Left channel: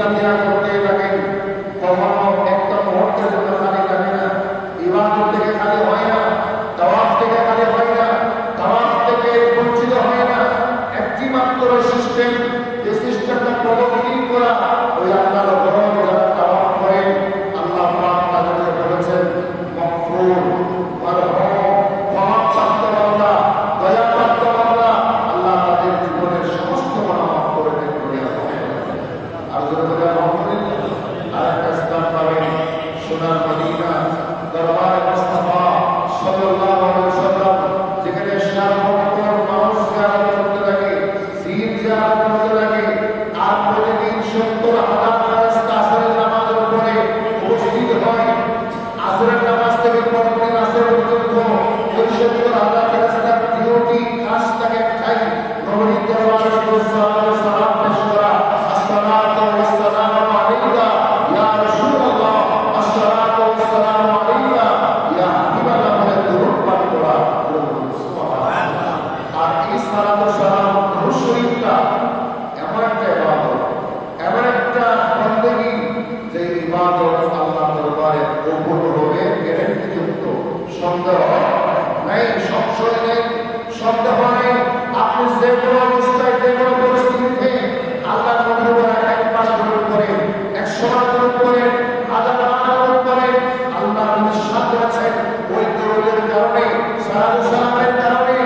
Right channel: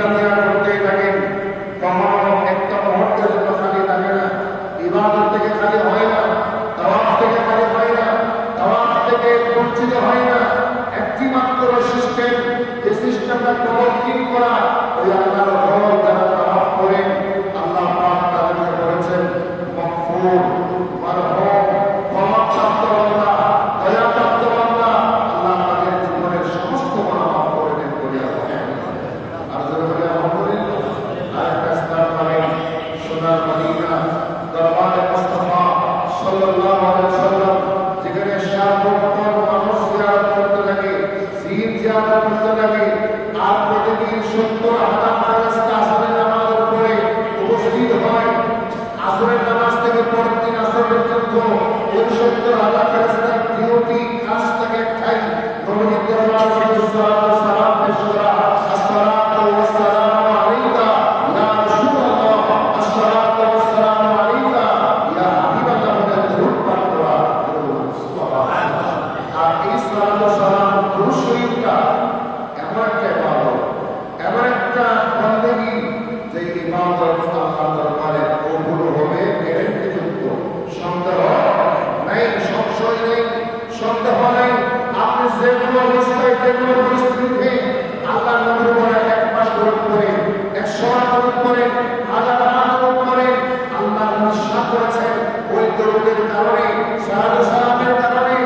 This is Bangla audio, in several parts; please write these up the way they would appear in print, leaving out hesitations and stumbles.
জিকিরাতিরা করতে থাকেন। কখনো একটা মুহূর্তের জন্য খালি থাকে না, ইবাদত থেকে খালি হয় না, তাওয়াফ থেকে খালি হয় না, তাওয়াফ থেকে বঞ্চিত হয় না। একটি মাত্র সিস্টেম, যে সিস্টেমটা প্রবর্তন করা, ওই আল্লাহর ঘর যারা তাওয়াফ করেন, আল্লাহ পাক তাদেরকে বলেছেন মাগফুর, মারহুম, ক্ষমাপ্রাপ্ত বান্দা, দয়াপ্রাপ্ত বান্দা। আল্লাহ তাদের জীবনের সমস্ত গুনাহ মাফ করে দেন। আর যদি আলহামদুলিল্লাহ আরেকটা স্থান পাবেন সোনার মদিনা, দরবারে মুস্তাফা সাল্লাল্লাহু আলাইহি ওয়াসাল্লাম, যেখানে সার্বক্ষণ মানুষ জিয়ারত করতে থাকে, জিয়ারত জিয়ারত করতে থাকে। আর প্রতিদিন 70,000 ফেরেশতা আসরের নামাজের উপরে উপস্থিত হয়। আসরের নামাজ থেকে পরের দিন আসর পর্যন্ত ওই 70,000 ফেরেশতার ডিউটি কাজ থাকে একটাই, নবীর দরবারে সালাম পেশ করা। আসসালাতু ওয়াসসালামু আলাইকা ইয়া রাসূলুল্লাহ, আসসালাতু ওয়াসসালামু আলাইকা ইয়া হাবিবাল্লাহ বলে দরুদ পাঠ করা। সুবহানাল্লাহ। আর এই সালাতু সালাম দরুদ শরীফটা এমন একটা ইবাদত, এমন একটা বন্দেগী, যে ইবাদত আল্লাহর দরবারে কবুল হবে গ্যারান্টিযুক্ত। সন্দেহ নাই, সংশয় নেই, সন্দেহ নেই। আপনি যে কোনো অবস্থায়, যে কোনো পরিস্থিতিতে আল্লাহর নবীর উপরে একবার দরুদ করেন, 100 বার দরুদ করেন, 1000 বার দরুদ করেন, আল্লাহর নবী সাথ করেছেন। ওই দরুদের কারণে, সালাতু সালামের কারণে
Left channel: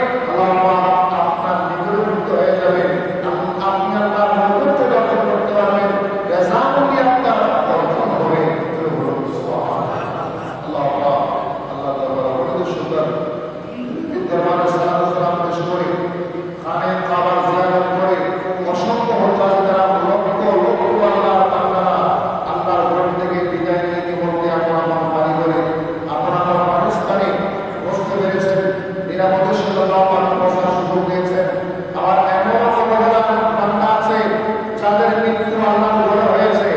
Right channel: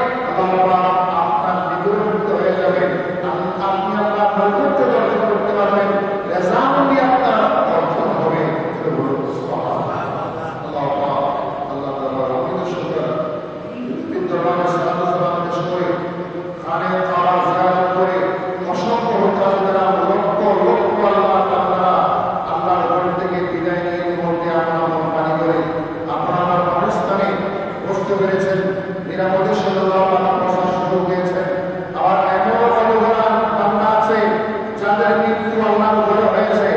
আল্লাহ আপনার নিকটবর্তী হয়ে যাবেন। আপনি আল্লাহর নৈকট্য অর্জন করতে পারবেন, রেজামন্দি আপনার অর্জন হবে। আল্লাহ তাআলা আমাদের সুন্দর দরবারে সালাতু সালাম পেশ করে, খানে কাবার জিয়ারত করে, অসংখ্য হজ্জাজ দ্বারা লক্ষ লক্ষ আল্লাহ তাআলা আল্লাহর ঘর থেকে বিদায় নিয়ে ইতিমধ্যে আপনার কোম্পানি করে আপনার পাকিস্তানে বসতে পেরেছেন, নিরাপদে সাল্লাল্লাহু আলাইহি ওয়াসাল্লাম সুযোগ দিয়েছেন। আর এমন অবহেলার বান্দা আছে যাদের মৃত্যু আল্লাহর ঘরে হয়েছে,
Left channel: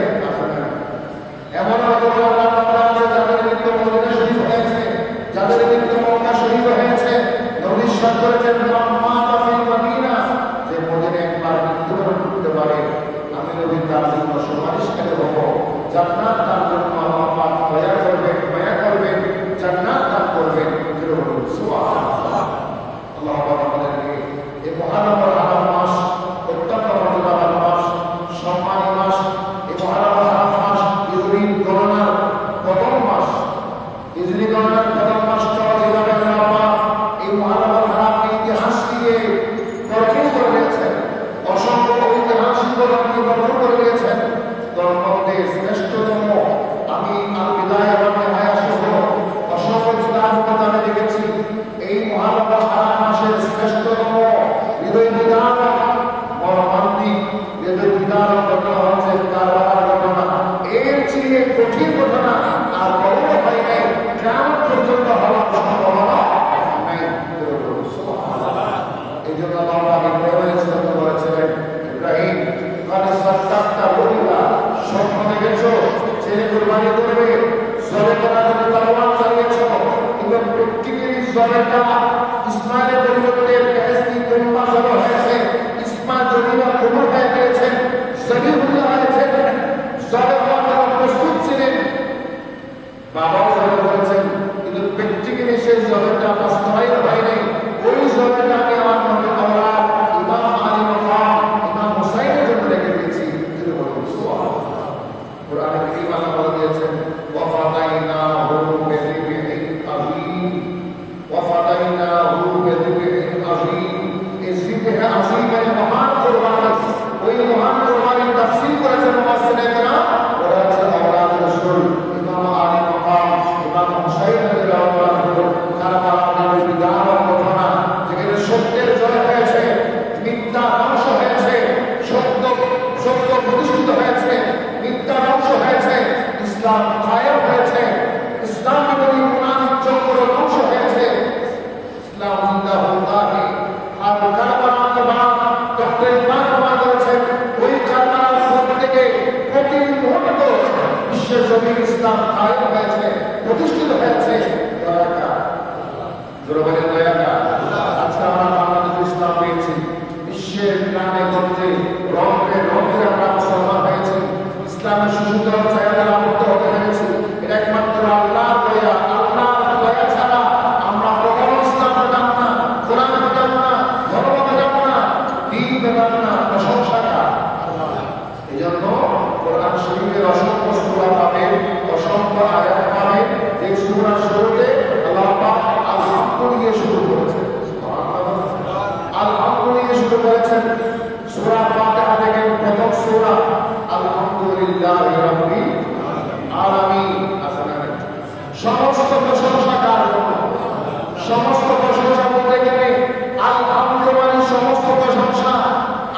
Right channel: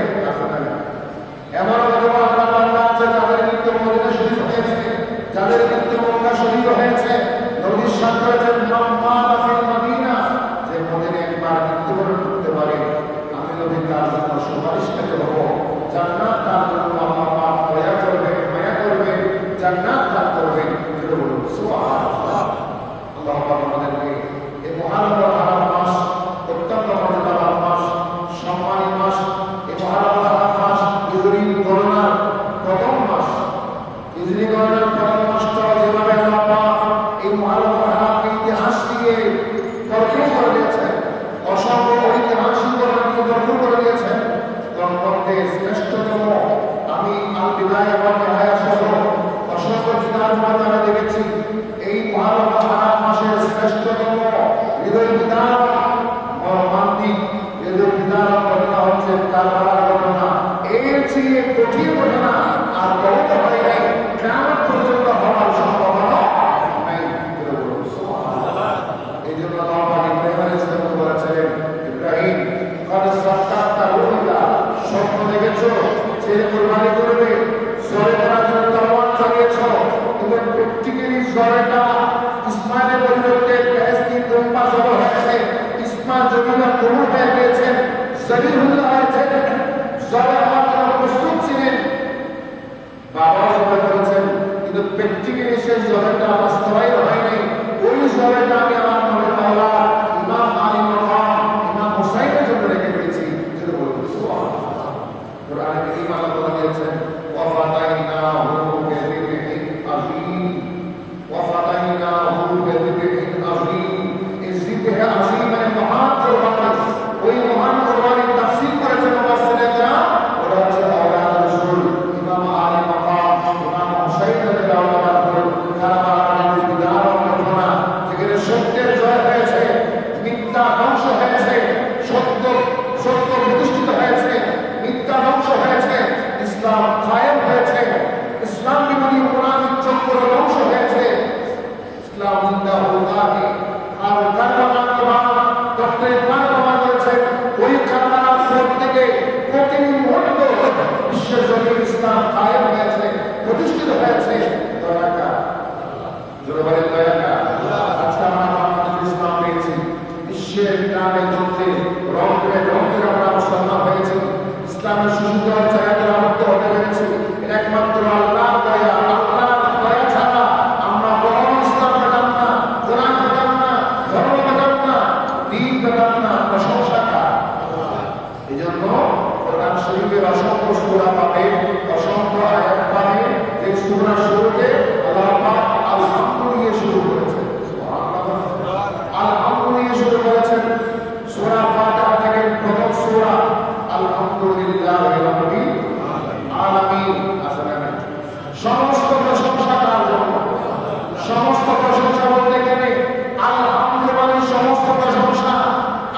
এমন অবহেলার বান্দা আছে যাদের মৃত্যু মদিনা শরীফ হয়েছে, যাদের মৃত্যু মক্কা শরীফ হয়েছে। নবী সাথ করেছেন মাম্মা ফিল মদিনা, যে মদিনায় একবার মৃত্যুবরণ করতে পারে, আমি নবী তার জন্য সুপারিশকারী হব, জান্নাত তার জন্য আল্লাহ পাক দয়া করবেন, মায়া করবেন, জান্নাত দান করবেন। সুবহানাল্লাহ। আল্লাহ পাক আমাদেরকে এই মুহররম হারাম মাস, অত্যন্ত মর্যাদাবান মাস, সম্মানী মাস, এই মুহররম হারাম মাস হিজরি গণনার প্রথম মাস। হিজরি গণনার প্রথম মাসটা যেভাবে আল্লাহ পাক এই মুহররম হারামকে ইতিহাস দিয়ে ভরপুর করে দিয়েছেন, অসংখ্য ঐতিহাসিক ঘটনাকে ভরপুর করে দিয়েছেন। তার মধ্যে শ্রেষ্ঠতম, আমি আল বিদায়া ওয়ান নিহায়া সহ অসংখ্য কিতাবকে আমি দেখেছি, এই মুহররম হারাম মাসের শ্রেষ্ঠতম হৃদয় বিদারক, মর্মান্তিক হৃদয় বিদারক ঘটনা হচ্ছে কারবালার ঘটনা। এর চেয়ে কঠিন ঘটনা আর বলতে হয় নাই, কিয়ামত পর্যন্ত হওয়ার সম্ভাবনা নাই। এই জন্য আল্লাহ পাক ইব্রাহিম আলাইহিস সালাম বলেছিলেন, ইব্রাহিম কদ সাদ্দাকতা রুইয়া, স্বপ্ন দেখেছো ছেলে কুরবানি করবে, জবে করার জন্য তরবারি চালিয়েছো, কিন্তু প্র্যাকটিক্যালি জবেটা ইসমাইলের পরিবর্তে বেহেশতি দুম্বা জবে হয়েছে। ইসমাইল যদিও কবুল হয়ে গিয়েছেন, জবিহুল্লাহ হয়েছেন, জবে হওয়ার জন্য প্রস্তুত ছিলেন, বাবাও জবে করেছেন, কিন্তু প্র্যাকটিক্যালি সেই জবেটা বাস্তবায়িত হয় নাই। ওই জবেটাকে আমার মনে আল্লাহ ইমাম আলী মাকাম, ইমাম হুসাইনের জন্য রেখে দিয়েছি। কোরআনে কারীম আল্লাহ বলে দিয়েছেন, ওয়া ফাতাইনাহু বিযিবহিন আযীম, ওয়া ফাতাইনাহু বিযিবহিন আযীম। এই জিবহে আযীম মানে মহান কুরবানি। ওই মহান কুরবানির তাফসীর করেছেন মুফাসসিরিনে কেরাম, ওটা হচ্ছে আওলাদ রাসূল ইমাম আলী মাকাম, ইমাম হুসাইন রাদিয়াল্লাহু আনহু কারবালার বিদারক ঘটনা, যেখানে সত্যের জয় হয়েছে, মিথ্যা ধ্বংস হয়েছে, সত্য সত্য প্রতিষ্ঠিত হয়েছে, মিথ্যা ধ্বংস হয়েছে, ইসলাম কায়েম হয়েছে, ইসলাম বিরোধী মুনাফিক চক্র ধ্বংস হয়েছে, ইসলাম জিন্দা হোগাকে। আর কারবালার প্রভাব ডক্টর ইকবাল প্রমাণ করেছেন, ওই কারবালার খবর থেকে প্রতি মুহূর্ত বিশ্বের জমিন ইসলাম কায়েম হয়েছে, প্রতিষ্ঠিত হয়েছে। দয়াকা জোরে বলেন, দয়াকা। আজকে আমরা বাংলাদেশে ইসলাম পেয়েছি, বিশ্বের গ্রামে গঞ্জে রন্ধ্রে রন্ধ্রে আমরা মুসলমান হয়েছি। এজন্য কোরআন শরীফের অসংখ্য সূরা পাবেন, অসংখ্য আয়াত পাবেন। যে সূরা শুরুতে আল্লাহ পাক আলহামদু দিয়ে শুরু করেছেন, আলহামদু দিয়ে শুরু করেছেন। সূরা ফাতিহা থেকে প্রথম সূরা আলহামদুলিল্লাহি রাব্বিল আলামিন। সমস্ত প্রশংসা কার জন্য? সমস্ত প্রশংসা বলতে গেলে আলহামদু মানে সমস্ত প্রশংসা।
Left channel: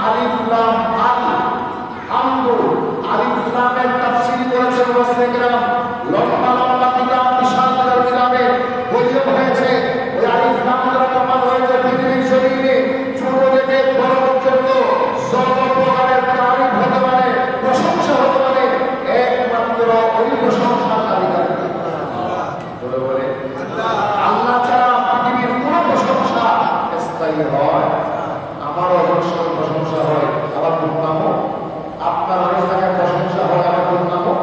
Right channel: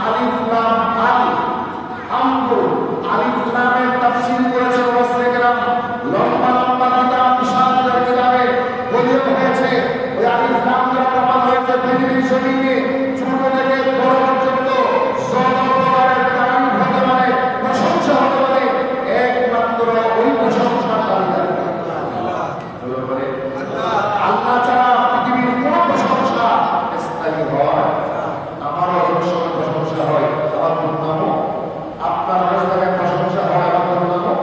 আলিফ লাম আল হামদু, আলিফ লামের তাফসীর করেছে মুফাসসির کرام। লম্বা লম্বা কিতাব, বিশাল কিতাবে বলিয়ে হয়েছে ওই আলিফ লাম দ্বারা প্রমাণ হয়েছে পৃথিবীর জমিনে ছোট থেকে বড় পর্যন্ত সব প্রকারের তারিফ হতে পারে, প্রশংসা হতে পারে একমাত্র ওই প্রশংসার দাবিদার বলে আল্লাহ ছাড়া পৃথিবীর কোন প্রশংসা স্থায়ী হয়। আমারও অনেক সময় প্রশংসা হয়, আবার দুর্নামও। আপনার অনেক জায়গায় প্রশংসা হয়, আবার দুর্নামও।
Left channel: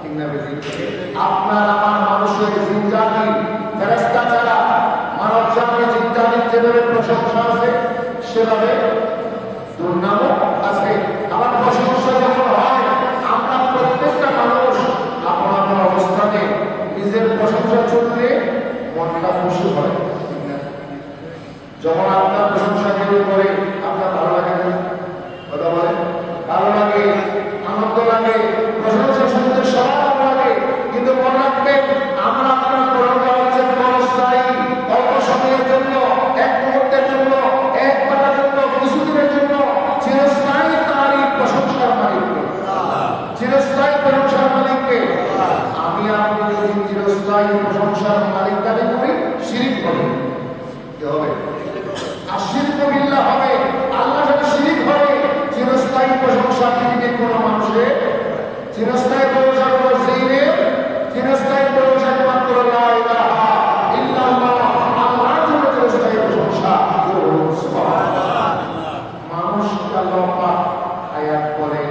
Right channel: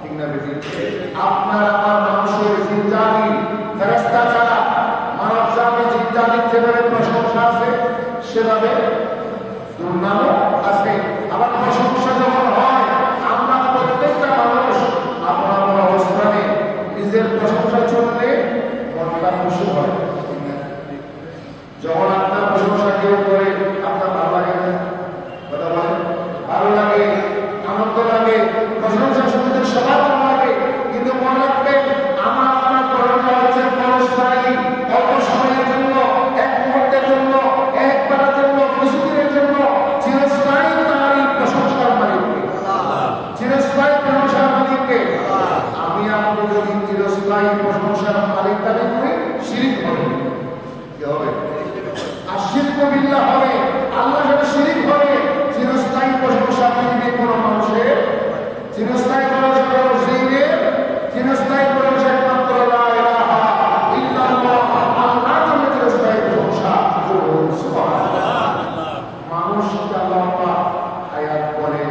ঠিক না বেশি? আপনার আমার মানুষের জিনজাতি ফেরেশতা ছাড়া মানব জাতি জিনজাতির যেভাবে প্রশংসা আছে সেভাবে দুর্নামও আছে। আবার প্রশংসা যখন হয়, আমরা প্রত্যেকটা মানুষ আপনার অবস্থানে নিজের প্রশংসা চললে মনটা খুশি হয়। ঠিক না? যখন আপনার প্রশংসা কেউ করে আপনার ভালো লাগে না? কথা বলেন, ভালো লাগে, আনন্দ লাগে, প্রশংসা শুনতে সবার ভালো লাগে। কিন্তু মনে রাখবেন, আমরা আপনার প্রশংসা হচ্ছে ক্ষণস্থায়ী, অল্প সময়ের জন্য, এক মুহূর্তের জন্য, এক বেলার জন্য, কিছুদিনের জন্য। চিরস্থায়ী তারই প্রশংসার মালিককে, চিরস্থায়ী প্রশংসার মালিককে। আমি আপনি যদি চিরস্থায়ী প্রশংসার মালিক দাবি করি, শিরিক হবে। কি হবে? আর শিরক বিল্লাহ হবে, আল্লাহর সাথে শিরিক হবে। চিরস্থায়ী প্রশংসা পৃথিবীর কোন মানুষের, চিরস্থায়ী প্রশংসা কোন জিনের, চিরস্থায়ী প্রশংসা একমাত্র লা ইলাহা ইল্লাল্লাহ, আল্লাহর জন্য চিরস্থায়ী প্রশংসা। সুবহানাল্লাহ। মানুষকে আল্লাহ পাক হায়াত করেন,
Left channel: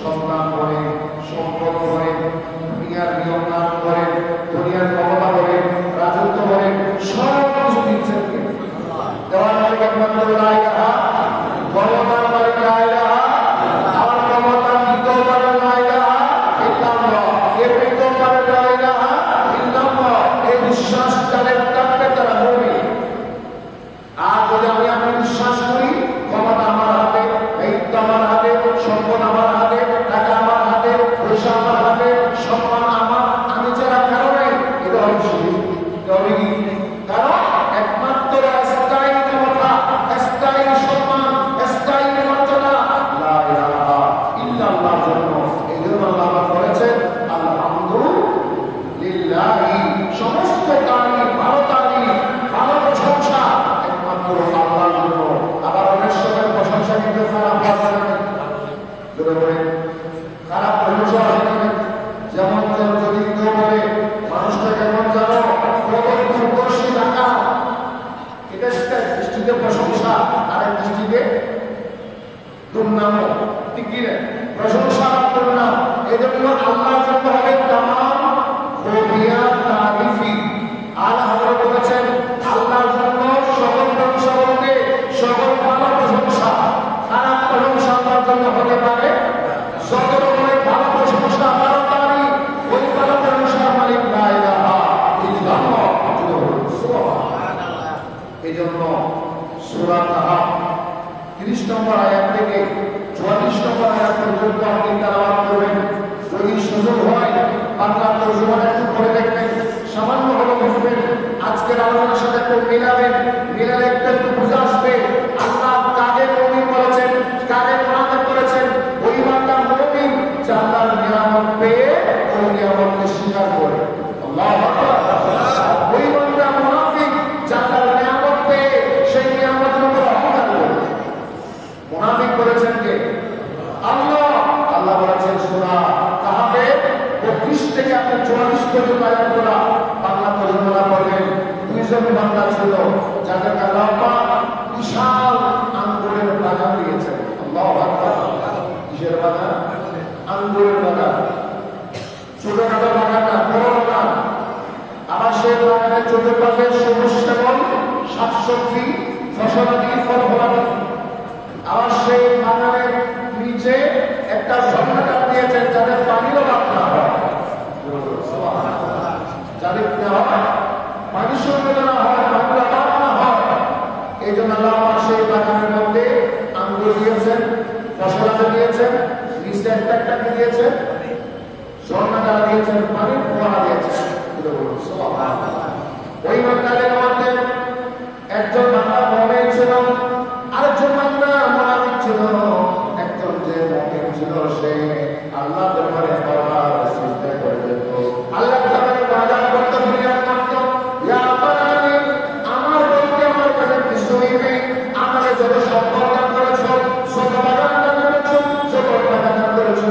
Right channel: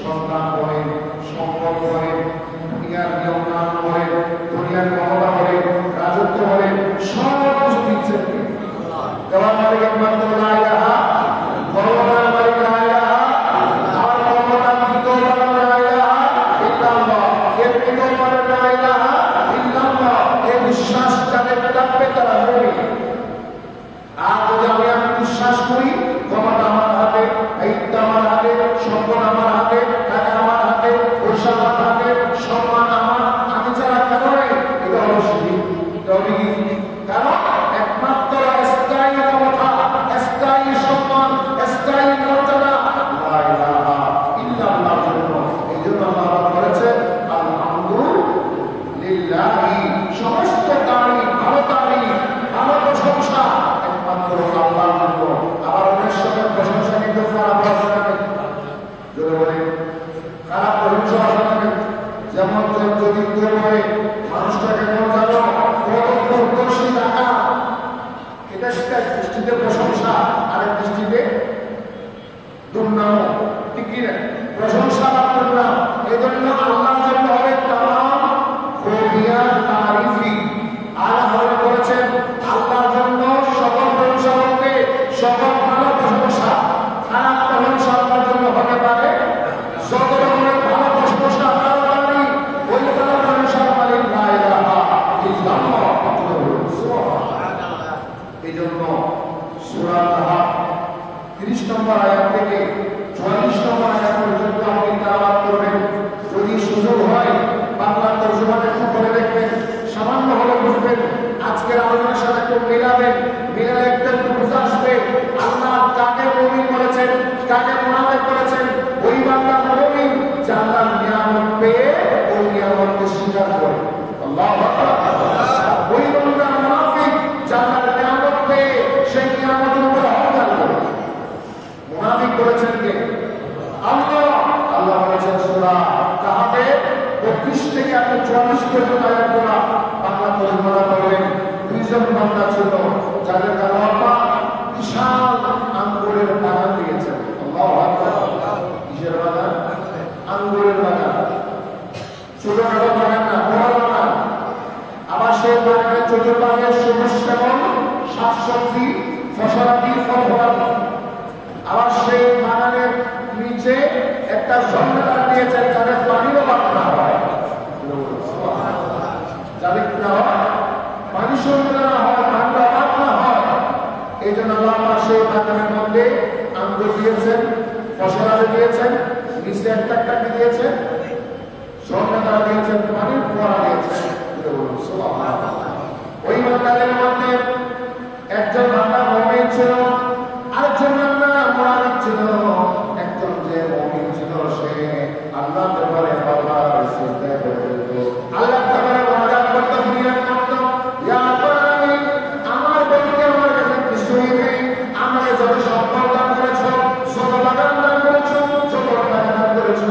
সন্তান করেন, সম্পদ করেন, দুনিয়ার নিয়ম কানুন করেন, দুনিয়ার ক্ষমতা করেন, রাজত্ব করেন, সব কিছু দিচ্ছেন কে? দেওয়ার মালিক একমাত্র লা ইলাহা, ক্ষমতার মালিক লা ইলাহা, আর ক্ষমতা দিতেও পারেন লা ইলাহা ইল্লাল্লাহ, এর দিতেও পারেন লা ইলাহা ইল্লাল্লাহ। এই বিশ্বাস যাদের থাকবে তারা মুমিন। আর যদি আমি আপনি বিশ্বাস করি ক্ষমতা আমার হাতে, দায়িত্ব আমার হাতে, সম্পদ আমার হাতে, টাকা আমার হাতে, পয়সা আমার হাতে, সম্মান আমার, আমি যারা কারো নাই, এটা হলো শিরিক। এটা হবে কি? কারণ একমাত্র স্থায়ী ক্ষমতা, স্থায়ী সম্মান, স্থায়ী মর্যাদা লা ইলাহা ইল্লাল্লাহর জন্য। এই জন্য আল্লাহ বলেছেন আলহামদুলিল্লাহি, সমস্ত তারিফ, ভালো তারিফ, ভালো প্রশংসা একমাত্র আল্লাহর জন্য। আবার অনেক সময় প্রশংসা কিন্তু খারাপ হয় না, যদি বলে খারাপ প্রশংসা হয় না। যেমন যদি কেউ বলে মানুষটা কেমন জানো, কত দুর্দর্শী টাকা, এটা একটা দৃষ্টিতে প্রশংসা, আরেক দৃষ্টিতে দুর্নাম। ঠিক কি না? প্রশংসা বা দুর্নাম। এই জন্য আল্লাহর জন্য হবে তামাম খুবিয়া তারিফি। আল্লাহ হযরত বলেছেন আল্লাহর জন্য সকল প্রশংসা বলতে সকল ভালো প্রশংসা। খারাপ প্রশংসা আল্লাহর জন্য হতে পারে। যত রকমের ভালো প্রশংসা, ভালো তারিফ, ওই ভালো প্রশংসার মালিক লা ইলাহা ইল্লাল্লাহ। সুবহানাল্লাহ। এই জন্য সূরা তাহা 30 নম্বর আয়াত থেকে 44 নম্বর আয়াত পর্যন্ত আপনি তেলাওয়াত করবেন। যদি সুযোগ হয় বাংলা তরজমাটা একটু করে দেখবেন, সামান্য হলো বুঝবেন। আজকের আলোচনার সাথে একটু মিলাবেন, মিলালে একটু বুঝে আসবে আল্লাহ কাকে মুমিন করেছেন, কাকে মুনাফিক করেছেন। ওই বান্দা মুমিন যে আল্লাহর নিয়ামত পেয়ে ওই নিয়ামতকে স্বীকার করে। আল্লাহু আকবার। ওই বান্দা মুনাফিক যে আল্লাহর নিয়ামত পেয়ে সেই নিয়ামতের উপর অহংকার করে। মুনাফিক বলেছেন কে? আল্লাহ। আল্লাহ বলেছেন সূরা কাহফে 32 থেকে আপনি 44 পর্যন্ত আয়াতগুলো বাংলা তরজমা করবেন। দুইজন বান্দা ছিল যাদের আল্লাহ পাক বিশাল আঙ্গুরের বাগান দিয়েছেন। আল্লাহু আকবার। কিসের বাগান? আঙ্গুরের বাগান। ছোটখাটো বাগান না, বড় বাগান। আবার সেই বাগানের চতুর্পাশে সবুজ শ্যামল শাকসবজি, ফসলাদি, ফল ফলাদি। আবার সেই বাগানের নিচে একটা একটা ঝর্ণা তারা দিয়েছেন যাতে পানির অভাব না হয়, যাতে কি না হয়, পানি শূন্য না হয়, পানির অভাব না হয়। এই জন্য আল্লাহ সেই বাগানের মধ্যে আঙ্গুর দিয়েছেন, ফসলাতে দিয়েছেন, নিচে একটা একটা কি দিয়েছেন, ঝর্ণা তারা দিয়েছেন, পানির ফোয়ারা দিয়েছেন। ওই মন্ডলের মধ্যে একজন বান্দা মুমিন ছিল, আরেকজন বান্দা মুনাফিক ছিল। একজন যে মুমিন ছিল সে আল্লাহ দরবারে বারবার সিজদা করত, আল্লাহ দরবারে মুনাজাত করত, ফরিয়াদ করত, ইয়া রাব্বানি আমার বলতে আমার কাছে কিছুই নেই, আমাকে যত সম্পদ দান করেছো, যত বাগান দান করেছো, যত টাকা দান করেছো,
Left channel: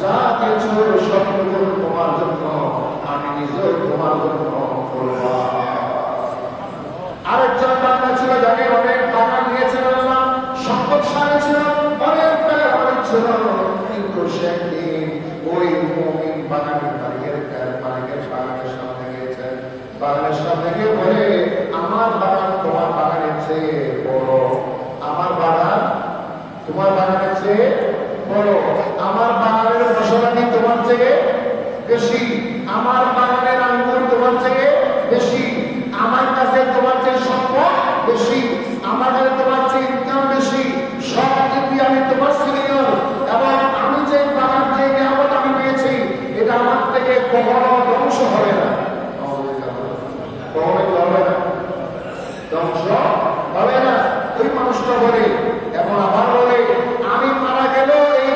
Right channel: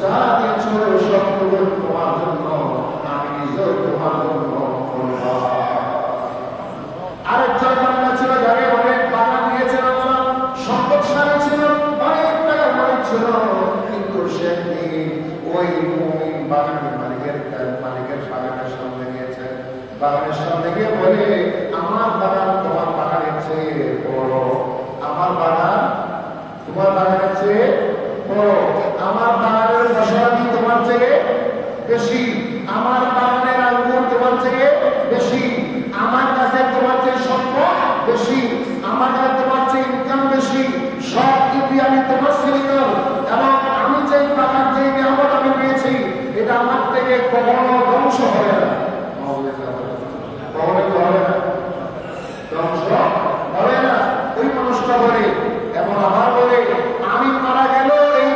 যা দিয়েছো সবগুলো তোমার জন্য, আমি নিজেও তোমার জন্য। আরেকজন বান্দা ছিল যাকে অনেক বাগান দিয়েছেন আল্লাহ, সম্পদশালী ছিল, অনেক টাকার মালিক ছিল, কিন্তু সে একদিন ওই মুমিন বাগানের মালিকের বাগানের সামনে গিয়েছেন, বাগানের সামনে গিয়ে বলে, আমার বাগান তোমার বাগানের চেয়ে বড়, আমার বাগান তোমার বাগানের চেয়ে বড়, আমার বাগানের ফসলাদি তোমার চেয়ে বেশি, আমার বাগানের আঙ্গুর তোমার চেয়ে বেশি, আমার কাছে তোমার চেয়ে সম্পদ বেশি, আমার কাছে তোমার চেয়ে ইনকাম বেশি, সব দিক আমি তোমার সিনিয়র, এবং আমি যে বাগান যে নিয়ামত আমি পেয়েছি এটা আমার থেকে কখনো ধ্বংস হবে না, কখনো হবে না, ধ্বংস হবে না। ওই মানুষটা বলে, এবং আবার বলে, আমি মারা গেল এই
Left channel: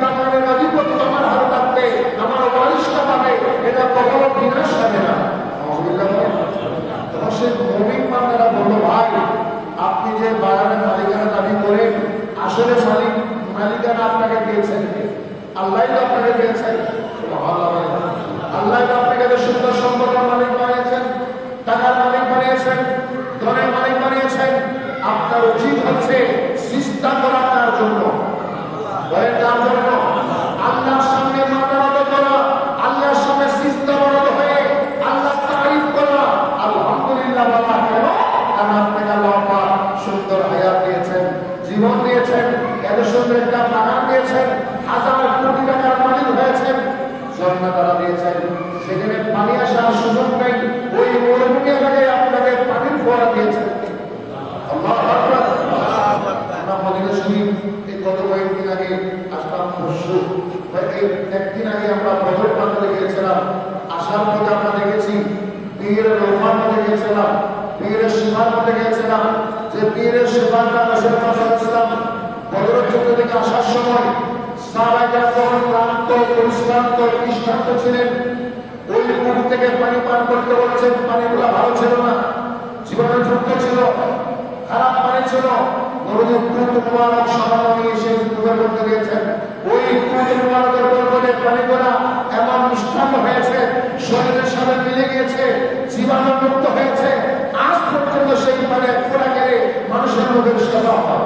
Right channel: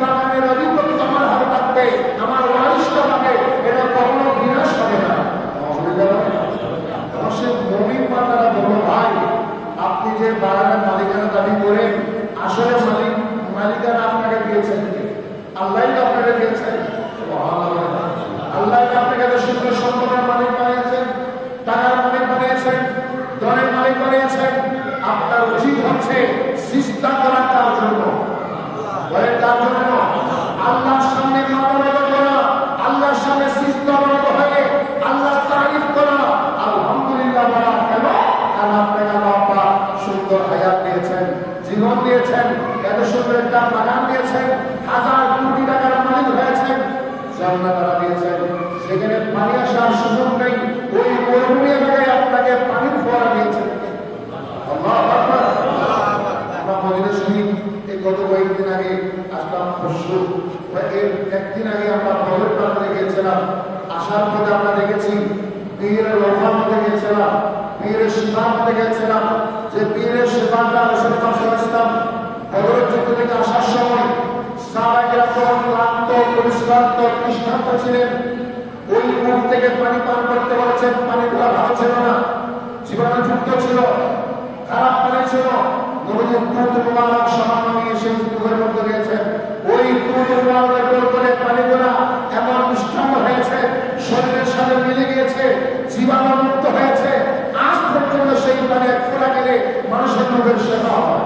বাগানের আধিপত্য আমার হাতে থাকবে, আমার ওয়ারিশটা পাবে, এটা কখনো বিনাশ হবে না। তোমার সে মুমিন বান্দারা বলল, ভাই আপনি যে বাগানের মালিকানা দাবি করেন, আসলে মালিকানা আপনাকে দিয়েছেন কি? আল্লাহ তো আপনাকে দিয়েছেন, আল্লাহ তো আপনাকে তো সুন্দর সম্পদের মালিক বানিয়েছেন, টাকার মালিক বানিয়েছেন, ধনের মালিক বানিয়েছেন। আপনার উচিত হচ্ছে সিজদা করা তার জন্য, তার জন্য আল্লাহর সামনে মাথা নত করা, আল্লাহর সামনে সিজদাবরত হয়ে আল্লাহ তারিফ করা, আলহামদুলিল্লাহ বলা। কেন? কারণ আপনাকে আল্লাহ পাক সুন্দর হায়াত দিয়েছেন, জীবন দিয়েছেন, এত সুন্দর একটা বাগান দিয়েছেন, হাজার কোটি টাকার মালিক হয়েছেন, ঝর্ণা তারা দিয়েছেন, সেখানে পানি আসার সুযোগ নেই, ওই মরুভূমি এলাকায় আপনাকে পানির ফোয়ারা দিয়েছেন। আল্লাহু আকবার। আমরা মদিনা শরীফ এই গত কয়েকদিন আগে আসলাম, পরশু একদিন আগে আমরা বদর প্রান্তে গিয়েছিলাম, আসার পথে আমরা দেখেছি পীরের রওফার মধ্যে গিয়েছিলাম, পীরের শিবার মধ্যে গিয়েছিলাম, যে পীরের শিবারটা রাসূলুল্লাহ সাল্লাল্লাহু আলাইহি ওয়াসাল্লাম বদরের যুদ্ধ থেকে আসার সময় সাহাবায়ে কেরাম যখন ক্লান্ত, পরিশ্রান্ত, তৃষ্ণার্ত ছিলেন, ওই কূপ থেকে পানি পান করতে বলেছেন। পানিগুলো ভালো ছিল না, জীবাণুযুক্ত ছিল, খারাপ পানি ছিল। নবীজি দুধ মুবারক সামান্য নিয়ে সেই কূপের মধ্যে গিয়েছেন। ওই দুধ মুবারকের বরকতে পানিগুলো এমন মিষ্টান্ন হয়েছে, শরীরের সাথে মিলে গিয়েছে, জীবাণুমুক্ত হয়েছে। আজ পর্যন্ত সেই পানি এক ফোঁটা গেলে মানুষের মুখের সেবা হয়।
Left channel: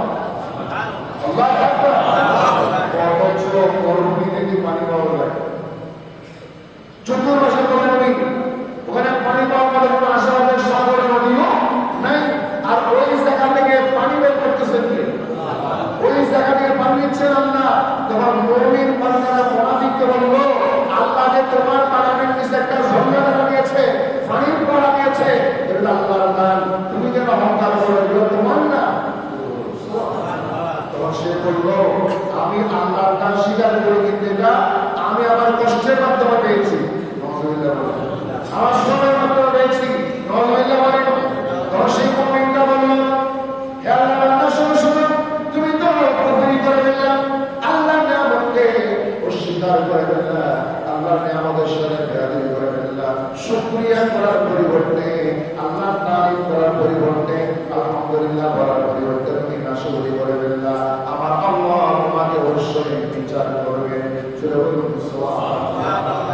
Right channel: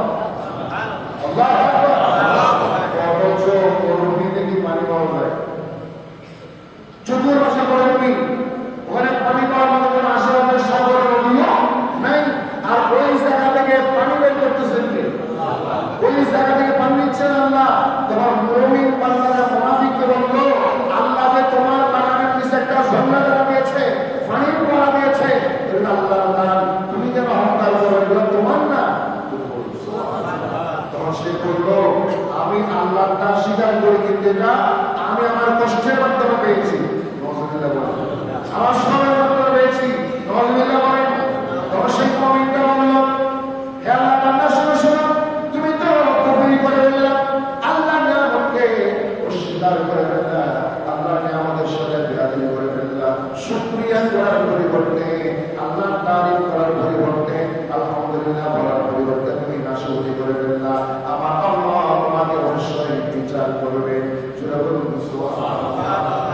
আল্লাহু আকবার। কত মরুভূমি থেকে পানি পাওয়া যায়, চতুর্মাসে মরুভূমি, ওখানে পানি পাওয়ার মতো কোনো আশেপাশের সাগর নদীও নাই। আর ওই জায়গা থেকে পানি বের করতেছেন কে? ওই জায়গা থেকে পানি দিচ্ছেন আল্লাহ। তোমার মুমিন বান্দারা মুনাফিককে বললো, আল্লাহ যে তোমার বাগানের নিচে একটা ঝর্ণা দ্বারা দিয়েছে, পানির পড়া দিয়েছে, এটা আল্লাহর দান, তুমি কেন অহংকার করো? এগুলো তোমার না। তখন সে বললো, আমি আল্লাহর দান স্বীকার করি, কিন্তু এটা আমি আমার কষ্টের মাধ্যমে পেয়েছি, আমার শ্রমের মাধ্যমে পেয়েছি। নওয়াজুবিল্লাহ বলেন। তখন সেই মুমিনটা বলল, হে আল্লাহ বান্দা, শোনো শোনো, তুমি তো কুফরি করে ফেললা, আল্লাহর নিয়ামতকে অস্বীকার করে ফেললা, আল্লাহর নিয়ামতের সাথে বেয়াদবি করে ফেললা। শুকরিয়া করার পরিবর্তে, আল্লাহর তারিফ করার পরিবর্তে, আলহামদুলিল্লাহ বলার পরিবর্তে তুমি নাশকরি করে ফেললা। আমার আল্লাহ তোমাকে অবশ্যই বিচার করবে।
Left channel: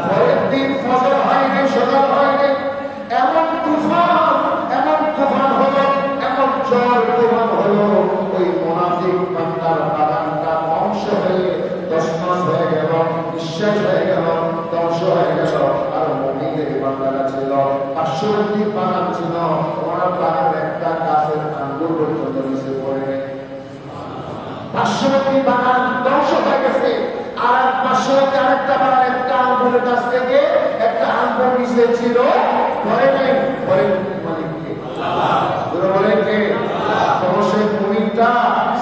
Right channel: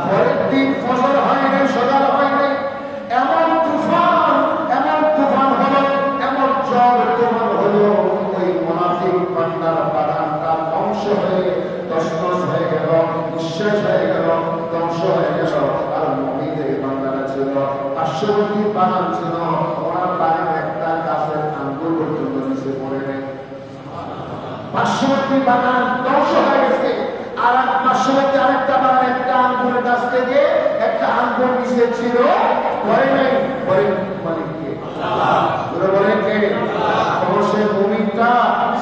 পরের দিন ফজর হয়নি, সকাল হয়নি, এমন তুফান হলো, এমন ঝড় তুফান হলো, ওই মুনাফিক বান্দার বাগানটা ধ্বংস হয়ে তছনছ হয়ে গেল, নিঃশ্বাস হয়ে গেল, ধ্বংস হয়ে গেল। আর মুমিনের বান্দাটা ছিল, পার্শ্ববর্তী বাগান ছিল, ওনার বাগানের একটা গাছের আঙ্গুর পর্যন্ত নিচে পড়ে নেই। পার্শ্ববর্তী বাগান ধ্বংস হয়ে গেছে। আর এক পার্শ্ববর্তী আরেকটা বাগান, একটা আঙ্গুরের গাছ থেকে একটা আঙ্গুর নিচে ছিল, পরে নাই, পরে মালিক কে? বলেন কে? অবশ্যই মুমিনটা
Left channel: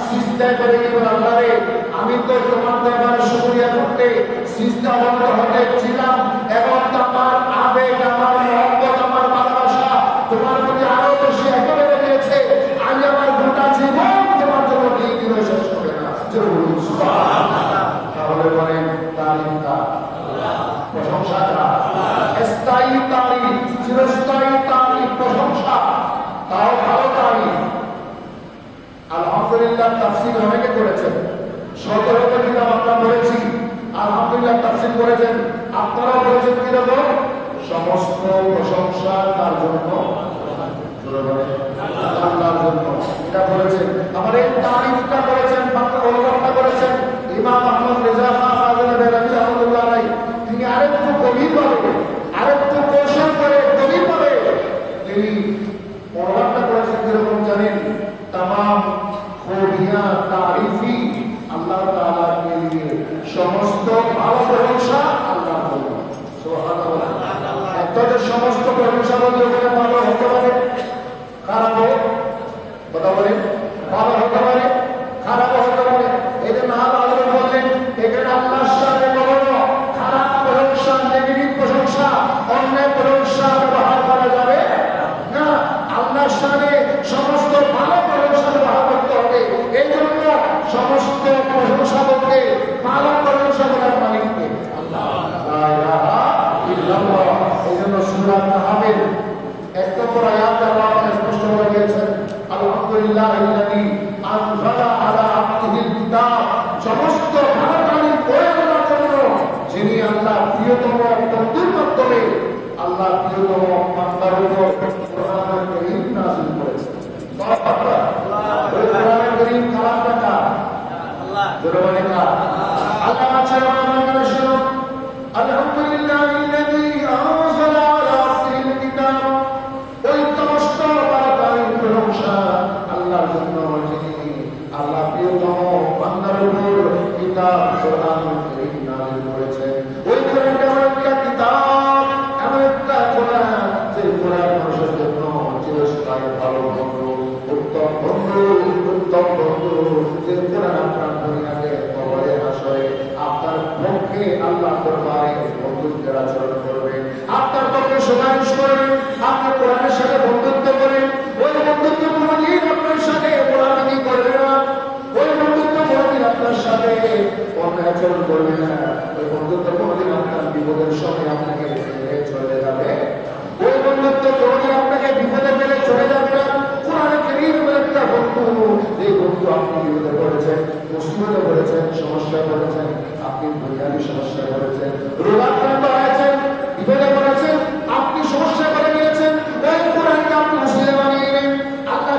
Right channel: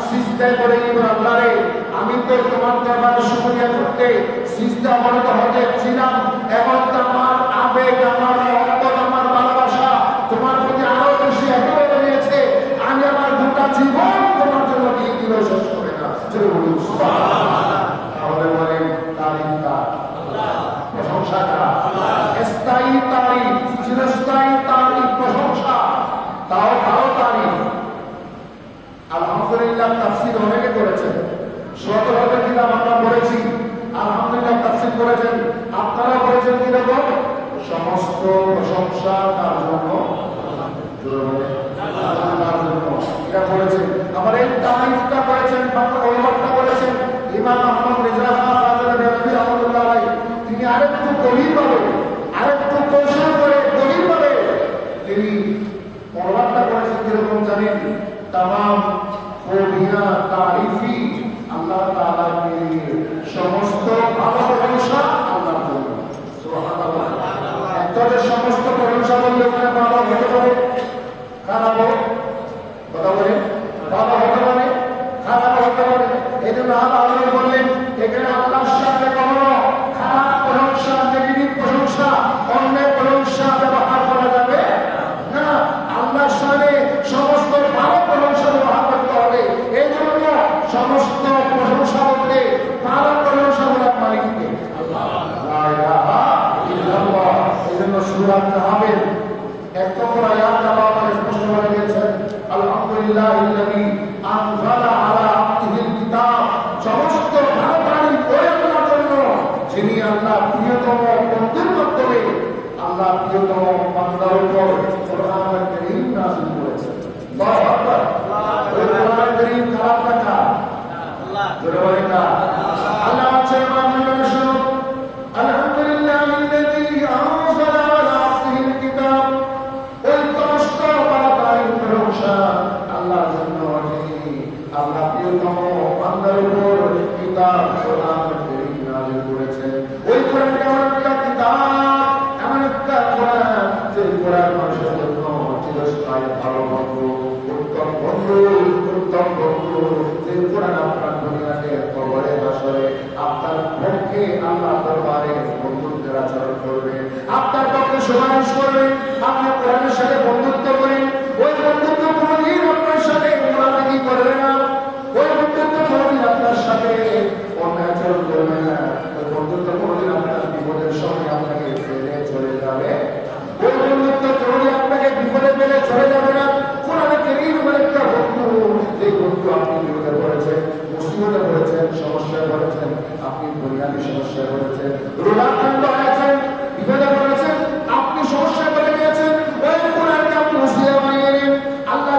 সিজদায় করে ইমান আল্লাহরে, আমি তো তোমার দরবারে শুকরিয়া করতে সিজদা অবনত হতে ছিলাম, এখন তো আমার আবেগ, আমার মহব্বত, আমার ভালোবাসা তোমার প্রতি আরো বেশি একেবারে রয়েছে, আমি আমার গোটা জীবন তোমার জন্য দিয়ে দিল, শেষ করে না। তাহলে বলেন তারিফটা প্রশংসা করা, স্থায়ী তারিফ, চিরস্থায়ী তারিফ, প্রশংসা, তাও ভালো তারিফ। আলহামদুলিল্লাহ তাফসীর অনেকে করেছেন, শত শত কিতাব আমরা পড়েছি, আলহামদুলিল্লাহ তাফসীর করেছেন, আপনারাও করেছেন। কিরকম? সমস্ত প্রশংসা তার জন্য, আল্লাহর জন্য, এটা বলেছেন। আবার এই তারিফটা করেছেন, অনুবাদটা করেছেন ইমাম আহমদ রেজা খান ফাযিল বেরলভী রাহমাতুল্লাহ আলাইহি। তিনি আরেকটু গভীরভাবে, আরেকটু কৌশল করে গভীরভাবে তিনি অনুবাদটা করেছেন। কিরকম জানেন? तमाम खूबियां तारीफी अल्लाह ताला के लिए, समस्त ভালো প্রশংসা আল্লাহর জন্য। সুবহানাল্লাহ। একটাতে সমস্ত প্রশংসা বললে ওখানে ভালো হতে পারে, খারাপ কথা বলেন, ভালো হতে পারে, খারাপ হতে পারে। এই জন্য আল্লাহ বললেন এখানে আল্লাহর সাথে কখনো খারাপ প্রশংসা, নেগেটিভ প্রশংসা, অন্যায় প্রশংসা ব্যবহার করা যাবে না। আল্লাহর সাথে সমস্ত ভালো প্রশংসা ব্যবহার করতে হবে। এই জন্য সমস্ত প্রশংসা বলতে ভালো প্রশংসা করার মালিককে এই জন্য সূরা কাহফের 1 নম্বর আয়াতে আল্লাহ স্পষ্ট করে দিয়েছেন, আলহামদুলিল্লাহিল্লাযী আনজালা আলা আবদিহিল কিতাব, সমস্ত ভালো তারিফ ওই আল্লাহর জন্য যিনি আল্লাহ প্রিয়তম বন্ধুর মাধ্যমে আল্লাহ প্রিয়তম বান্দার উপর কোরআনুল কারীম নাযিল করেছেন। আল্লাহু আকবার। ওই কোরআনুল কারীম কালামটা কার? আল্লাহ। জোরে বলেন না। আল্লাহ বলেন আমরা শুনুন, আলহামদুলিল্লাহিল্লাযী আনজালা আলা আবদিহিল কিতাব, ওই সমস্ত ভালো তারিফ প্রশংসা আল্লাহর জন্য যিনি আল্লাহ প্রিয়তম বান্দার উপর কিতাব কোরআনুল কারীম নাযিল করেছেন। ওই কোরআনটা হলো একটা কিতাব, এমন একটা কোরআন যে কোরআন মানুষের জন্য চিরস্থায়ী ভালো বন্ধু, উত্তম বন্ধু, উত্তম বন্ধু। যে কোরআন আপনার দুনিয়াতে কবরে হাসরে আপনার পক্ষে আল্লাহ দরবারে বন্ধুত্বের আচরণ করবে, আপনার পক্ষে সুপারিশ করবে। আপনি কোরআনের সাথে বন্ধুত্ব করেন, ওই বন্ধুত্ব কোনদিন আপনার সাথে কোরআন কি করবে না, ওই বন্ধুত্ব কোনদিন আপনার সাথে অন্যায় আচরণ করবে না, ওই বন্ধুত্ব কোনদিন আপনার বিপদের সময় আপনাকে ফেলে চলে যাবে, ওই বন্ধুত্ব কোনদিন আপনাকে বিপদে ফেলে চলে যাবে না। কোরআনে কারীম এমন একটা বন্ধু, যে বন্ধু আপনি বিপদে পড়েছেন, মুসিবতে পড়েছেন, সমস্যায় পড়েছেন, আপনি বুনিয়াদী সমস্যায় পড়েছেন, রোগাক্রান্ত হয়েছেন, বিপদে পড়েছেন, আপনি সমস্যা করে গিয়েছেন, ওই কোরআনকে আপনি মুসলিম বানিয়ে নেন। আল্লাহ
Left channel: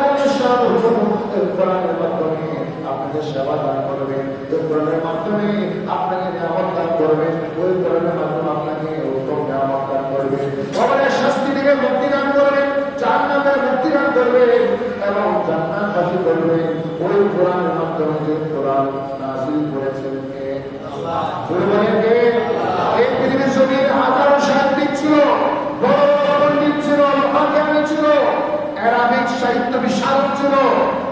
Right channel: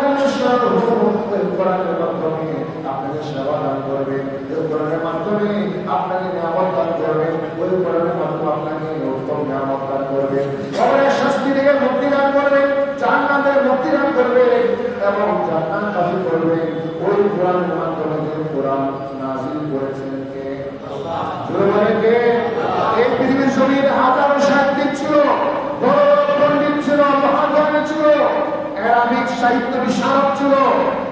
কোরআনের মাধ্যমে আপনাকে সেবা দান করবেন, ওই কোরআনের মাধ্যমে আপনাকে নিয়ামত দান করবেন, ওই কোরআনের মাধ্যমে আপনাকে উত্তম নিয়ামত দান করবেন, কবরের শাস্তি থেকে মুক্তি দান করবেন, জান্নাতের মুক্তি দান করবেন এবং জান্নাতবাসী করবেন। ওই কোরআনের মাধ্যমে যে কোরআন নাযিল করেছেন কে? আল্লাহ। জোরে বলেন কে? এই পৃথিবীর জমিনে হাজারো সাহিত্যিক ছিল, বড় বড় পণ্ডিত ছিল, মহাজ্ঞানী ছিল, অ্যারাবিক সাহিত্য বিশারদ ছিল,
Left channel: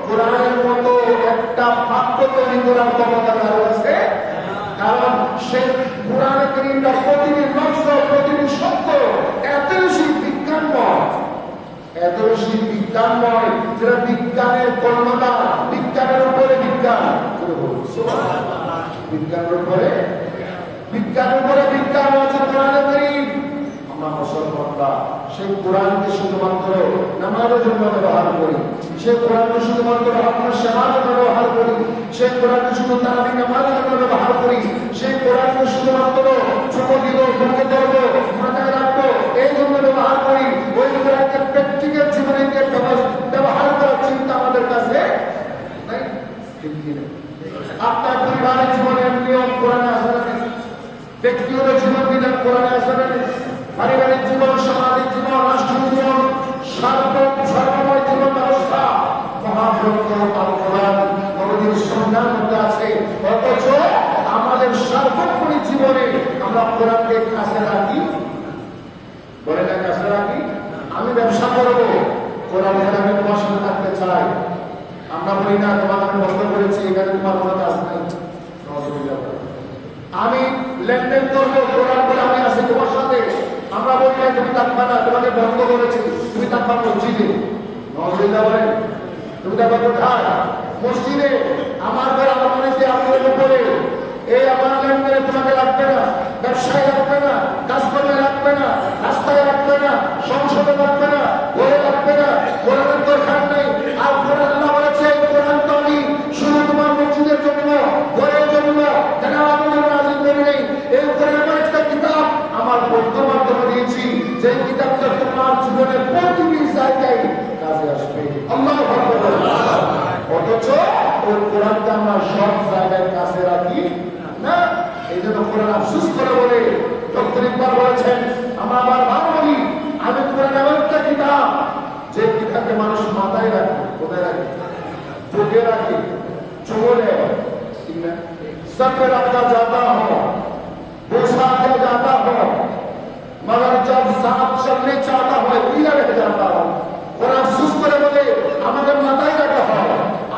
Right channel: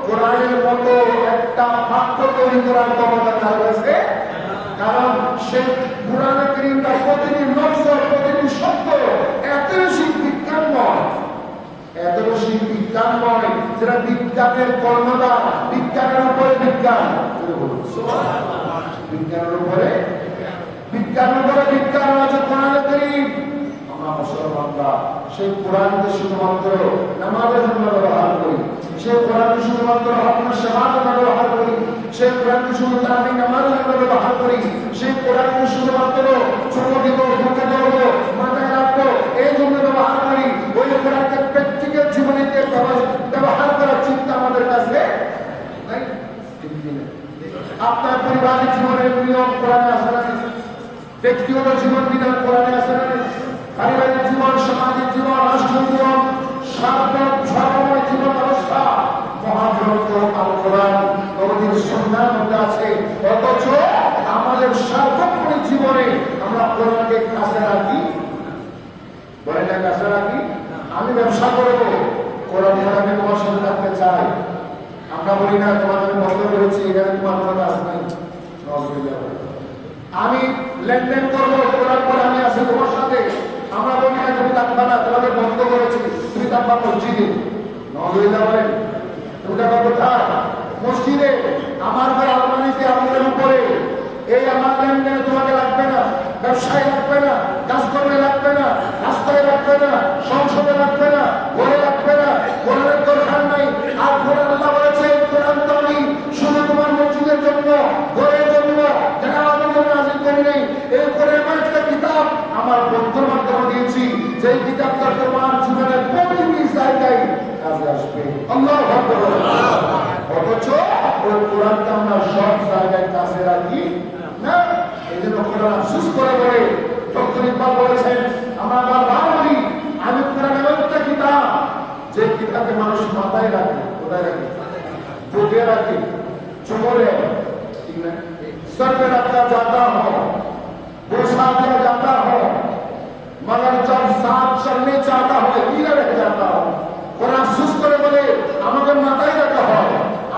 কোরআনের মতো একটা বাক্য তৈরি করার ক্ষমতা কার কাছে? কারণ সেই কোরআনে কারীমটা প্রতিটি লফজ, প্রতিটি শব্দ এত বেশি বিজ্ঞানময়, এত বেশি বিজ্ঞানময়, যেটা বিজ্ঞানের কর্মদা, বিজ্ঞানের উপরে বিজ্ঞান, বিজ্ঞানের উপরে বিজ্ঞান হচ্ছে কোরআনে কারীম। আমরা মুসলমানরা সেই কোরআনকে শুধুমাত্র নামাজের জন্য ব্যবহার করি, সেই কোরআনকে শুধুমাত্র আপনার শাহাদাতের জন্য ব্যবহার করি, সেই কোরআনকে শুধু তারাবি নামাজের জন্য ব্যবহার করি, সেই কোরআনকে শুধুমাত্র ছোট দিব, বুকে ধরবো, মাথায় রাখবো, এই জন্য ব্যবহার করি। ওই কোরআনকে প্র্যাকটিক্যাল জীবনে ব্যবহার করার চিন্তা আমাদের কাছে নাই। আপনার পরিবারের জীবনের নিয়ম কোরআনে আছে না? ব্যক্তিগত জীবন বিধান কোরআনে আছে না? পারিবারিক জীবন, সামাজিক জীবন, রাষ্ট্রীয় জীবন, সর্বময় জীবন ব্যবস্থা মহাগ্রন্থ আল কোরআন নবীর সুন্নাহর মধ্যে আছে। অথচ আমাদের সার্বক্ষণিক জীবনে আমরা কোরআনকে কাছে রাখি, বলে না কাছে রাখি। আমি ব্যবসা করবো, কোরআন আমি তোমার সাথে থাকতে চাই। আমরা বলি না তোমার আমি বন্ধ করেছি, এখানে তোমার কোনো কাজ নাই। আমি লেনদেন করবো, কোরআন করে আমি আছি তোমার সাথে। আমরা বলি না তুমি থাকবা না, তোমাকে বন্ধ করেছি, তুমি থাকবা মসজিদে। নজরুল্লাহ বলেন তুমি থাকবা কোথায়? মসজিদে। আমার ঘর আলমারিতে আপনার উপরে। এই আমার লেনদেনে তোমাকে লাগবে না, ব্যবসায় লাগবে না, কাজকর্মে লাগবে না, রাস্তায় লাগবে না, সংসদে লাগবে না, ঘরে লাগবে না। কোরআনের দরকার নাই। আর কোরআন আল্লাহ বলেছে এই কোরআন তো আমি শুধু তোমার মসজিদের জন্য, ঘরের জন্য, জানালার জন্য নাযিল করি নাই। এই কোরআন আমার একটা কিতাব আমার বন্ধুর মাধ্যমে দিয়েছি, যে কিতাবটা তোমার জীবনের প্রতিটি জায়গায় কাজে আসবে। আল্লাহু আকবার। অথচ ওই কোরআনকে আমরা সব জায়গায় কাছে রাখি না। এই জন্য কোরআন আফসোস করে বলে ডক্টর ইকবাল বলেছেন, আমরা বারবার বলি আমি কোরআন এমন একটা কিতাব যে কিতাবকে মানুষ মাথায় রাখে। কোথায় রাখে? বুকে রাখে, চোখে, ঠিক না? सर पे रखा जाता हो, बोसा दिया जाता हो, मगर जब साथ चलने चाहता हो पीला रह जाता हो। और अफसोस करे बोले আমাকে মাথায় রাখা হয়,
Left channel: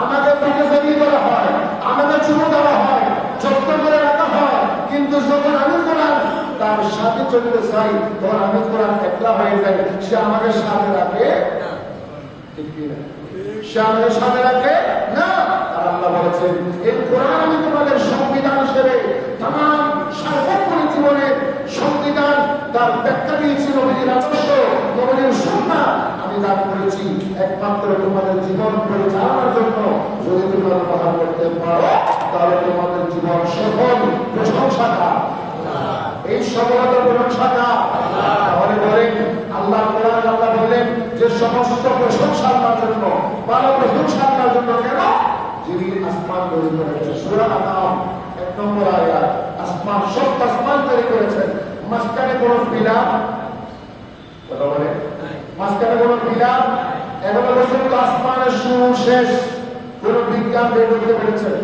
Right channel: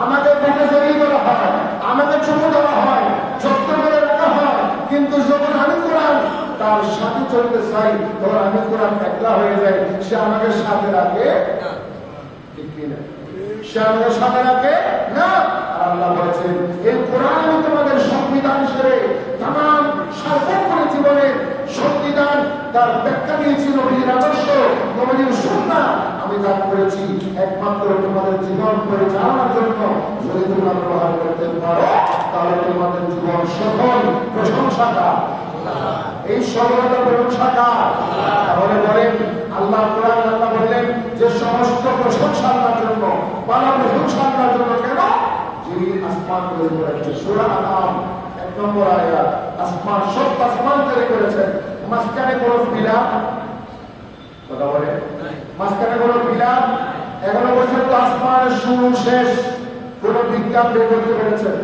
আমাকে বুকে জড়িয়ে ধরা হয়, আমাকে চুমু দেওয়া হয়, যত্ন করে রাখা হয়। কিন্তু যখন আমি কোরআন তার সাথে চলতে চাই, তখন আমি কোরআন একলা হয়ে যাই। সে আমাকে সাথে রাখে, ঠিক কিনা? সে আমাকে সাথে রাখে না। আল্লাহ বলেছেন এই কোরআন আমি তোমাদের সংবিধান হিসেবে তাম সার্বক্ষণিক জীবনের সংবিধান তার ব্যাখ্যা দিয়েছি। নবীজির আদর্শ, নবীজির সুন্নাহ আমি দান করেছি একমাত্র তোমাদের জীবন পরিচালনার জন্য। যদি তোমরা ব্যবহার করতে পারো তাহলে তোমাদের জীবন সফল। প্রশংসাটা এই সফলতা প্রশংসাটা। তাহলে বলেন আল্লাহ কোরআন আল্লাহ বললেন যে সমস্ত প্রশংসা আল্লাহর জন্য, ভালো প্রশংসা আল্লাহর জন্য। কেন? যিনি আসমান তৈরি করেছেন। সূরা আনাম 1 নম্বর আয়াত। আসমান, সব আসমান তৈরি করেছেন। মাঝখানে কোন বিলাপ, কথা বলে মাঝখানে কোন বিলাপ এখনো পর্যন্ত আসমানের শুরু শেষ কোন বিজ্ঞান বের করতে পেরেছেন?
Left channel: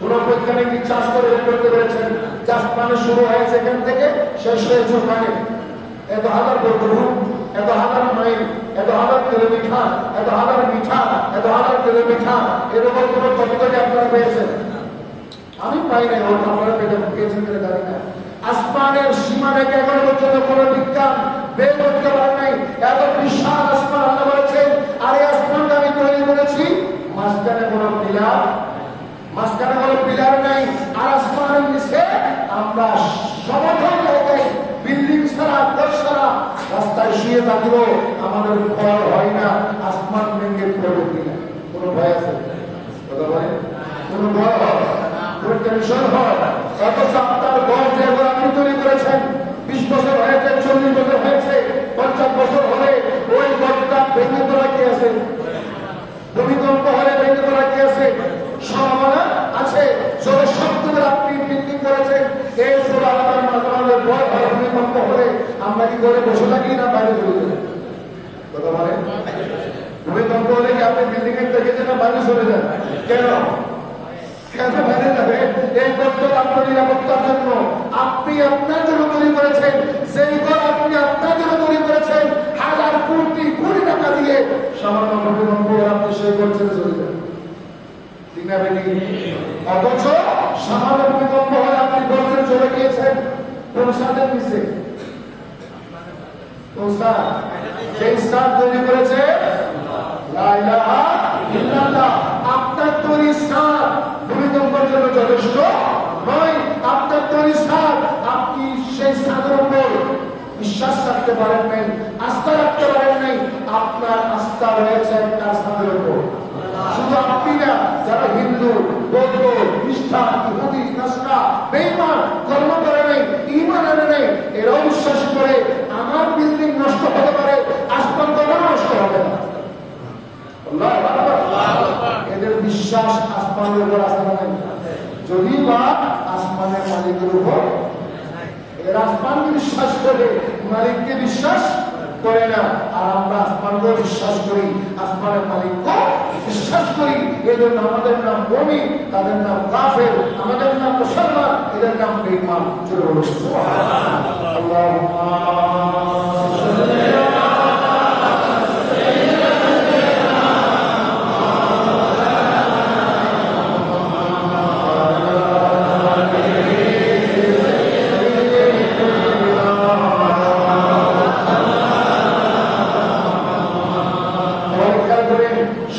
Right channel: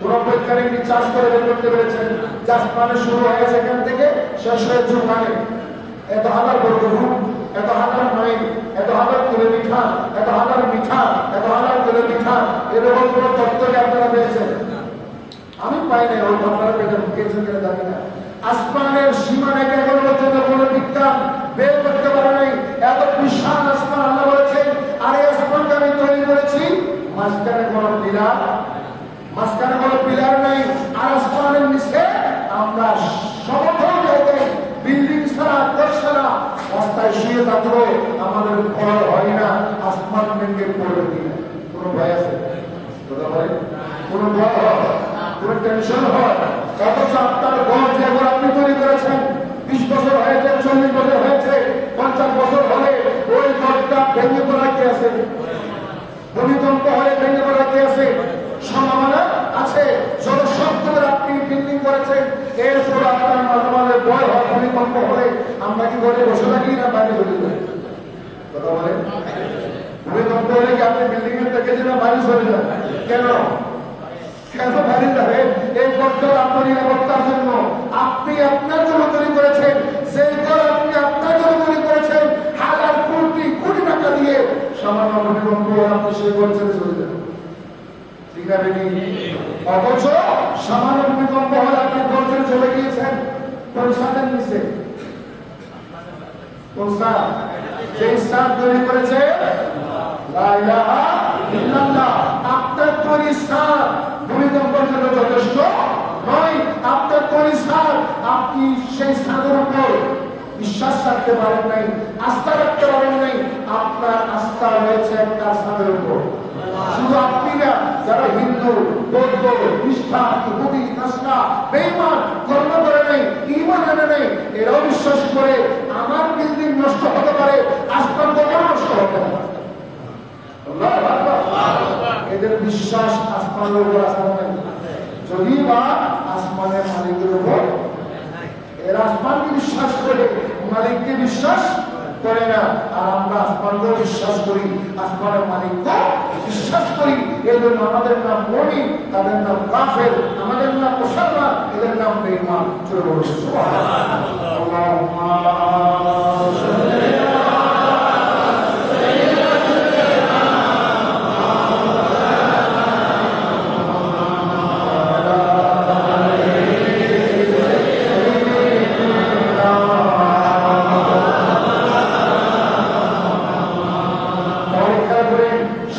কোন বৈজ্ঞানিক রিসার্চ করে বের করতে পেরেছেন যে আসমানের শুরু হয়েছে এখান থেকে শেষ হয়েছে ওখানে? এত হাজার বর্গফুট, এত হাজার মাইল, এত হাজার কিলোমিটার, এত হাজার মিটার, এত হাজার কিলোমিটার, এরকম কোন তথ্যকে আপনারা পেয়েছেন? আমি পাই নাই। ওর আপনারা পেয়েছেন কিনা জানি না। আসমানের সীমা রেখে এখনো পর্যন্ত কোন বিজ্ঞান বের করতে পারে নাই। এত বিশাল আসমান আল্লাহ বলেছেন আর এই আসমানকে আমি তৈরি করেছি। মাঝখানে কোন পিলার, মাঝখানে কোন পিলার নাই। আর আসমানের নিচে আমরা সমতল জায়গায় বিল্ডিং ছাড়া, কোষ ছাড়া রাস্তায় শুয়ে থাকলেও আমাদের ভয় হয় না আসমান ভেঙে পড়বে কিনা। কোন ভয় আছে? কথা বলেন কোন ভয় হয়, কোন টেনশন হয়? অথচ আপনার ঘর যে ঘর আপনি তৈরি করেছেন 20 বছর হয়েছে, 40 বছর হয়েছে, 50 বছর হলে ওই ঘরটা ভেঙে পড়া কি আছে? ভূমিকম্প হলে ভেঙে পড়া কি আছে? সম্ভাবনা আছে। যত শক্ত করে আপনি বিল্ডিং করেছেন এরপর আপনার মাঝে মাঝে ভয় হয় ভূমিকম্প হলে। আমরা কি করে বসে থাকি না বাইরে চলে যাই? কথা বলেন ভূমিকম্প হলে কি আপনি বিল্ডিং এর থেকে যেন বাইরে চলে যান? কেন? কেন বাইরে যাবে? এই ঘরটা আপনার নিরাপত্তার জন্য। আপনি আপনার জন্য তৈরি করেছেন। সেই ঘর আপনি আপনার জন্য তৈরি করেছেন হাজার কোটি কোটি টাকা দিয়ে। সামান্য ভূমিকম্প আপনি সেই ঘর ছেড়ে চলে যান, ঠিক না বেটি? অথচ সামান্য ভূমিকম্প হলে আপনি ঘর ছেড়ে চলে গিয়েছেন কোন সাদের নিচে? কোন সাদ? যেই সাদ তৈরি করেছে লা ইলাহা ইল্লাল্লাহ। আপনার তৈরি সাদ ভূমিকম্পের জন্য যথেষ্ট নয়। আপনার তৈরি সাদ, আপনি সেই সাদের উপর বিশ্বাস রাখতে পারেন নাই, আস্থা রাখতে পারেন নাই। আপনার আস্থা রয়েছে একটা সাদের উপর। শুধু আপনি না, যারা হিন্দু, বৌদ্ধ, খ্রিস্টান, ইহুদি, নাসরা, বেঈমান, কর্ম করে নেই, ঈমান আনে নেই, এরাও বিশ্বাস করে আমার বিল্ডিং নষ্ট হতে পারে, আসমান কখনো নষ্ট হবে না। এদের বিশ্বাস আসমানের উপর আসা নাই। যদি বা আসমানের মালিকের উপর, এরা আসমানকে বিশ্বাস করে মালিককে বিশ্বাস করে না। আর আমরা আসমানকেও বিশ্বাস করি। আসমানের মালিককে বিশ্বাস করি। এই জন্য আমাদের নাম মুমিন, তাদের নাম কাফের, আমাদের নাম মুসলমান, এদের নাম বেঈমান।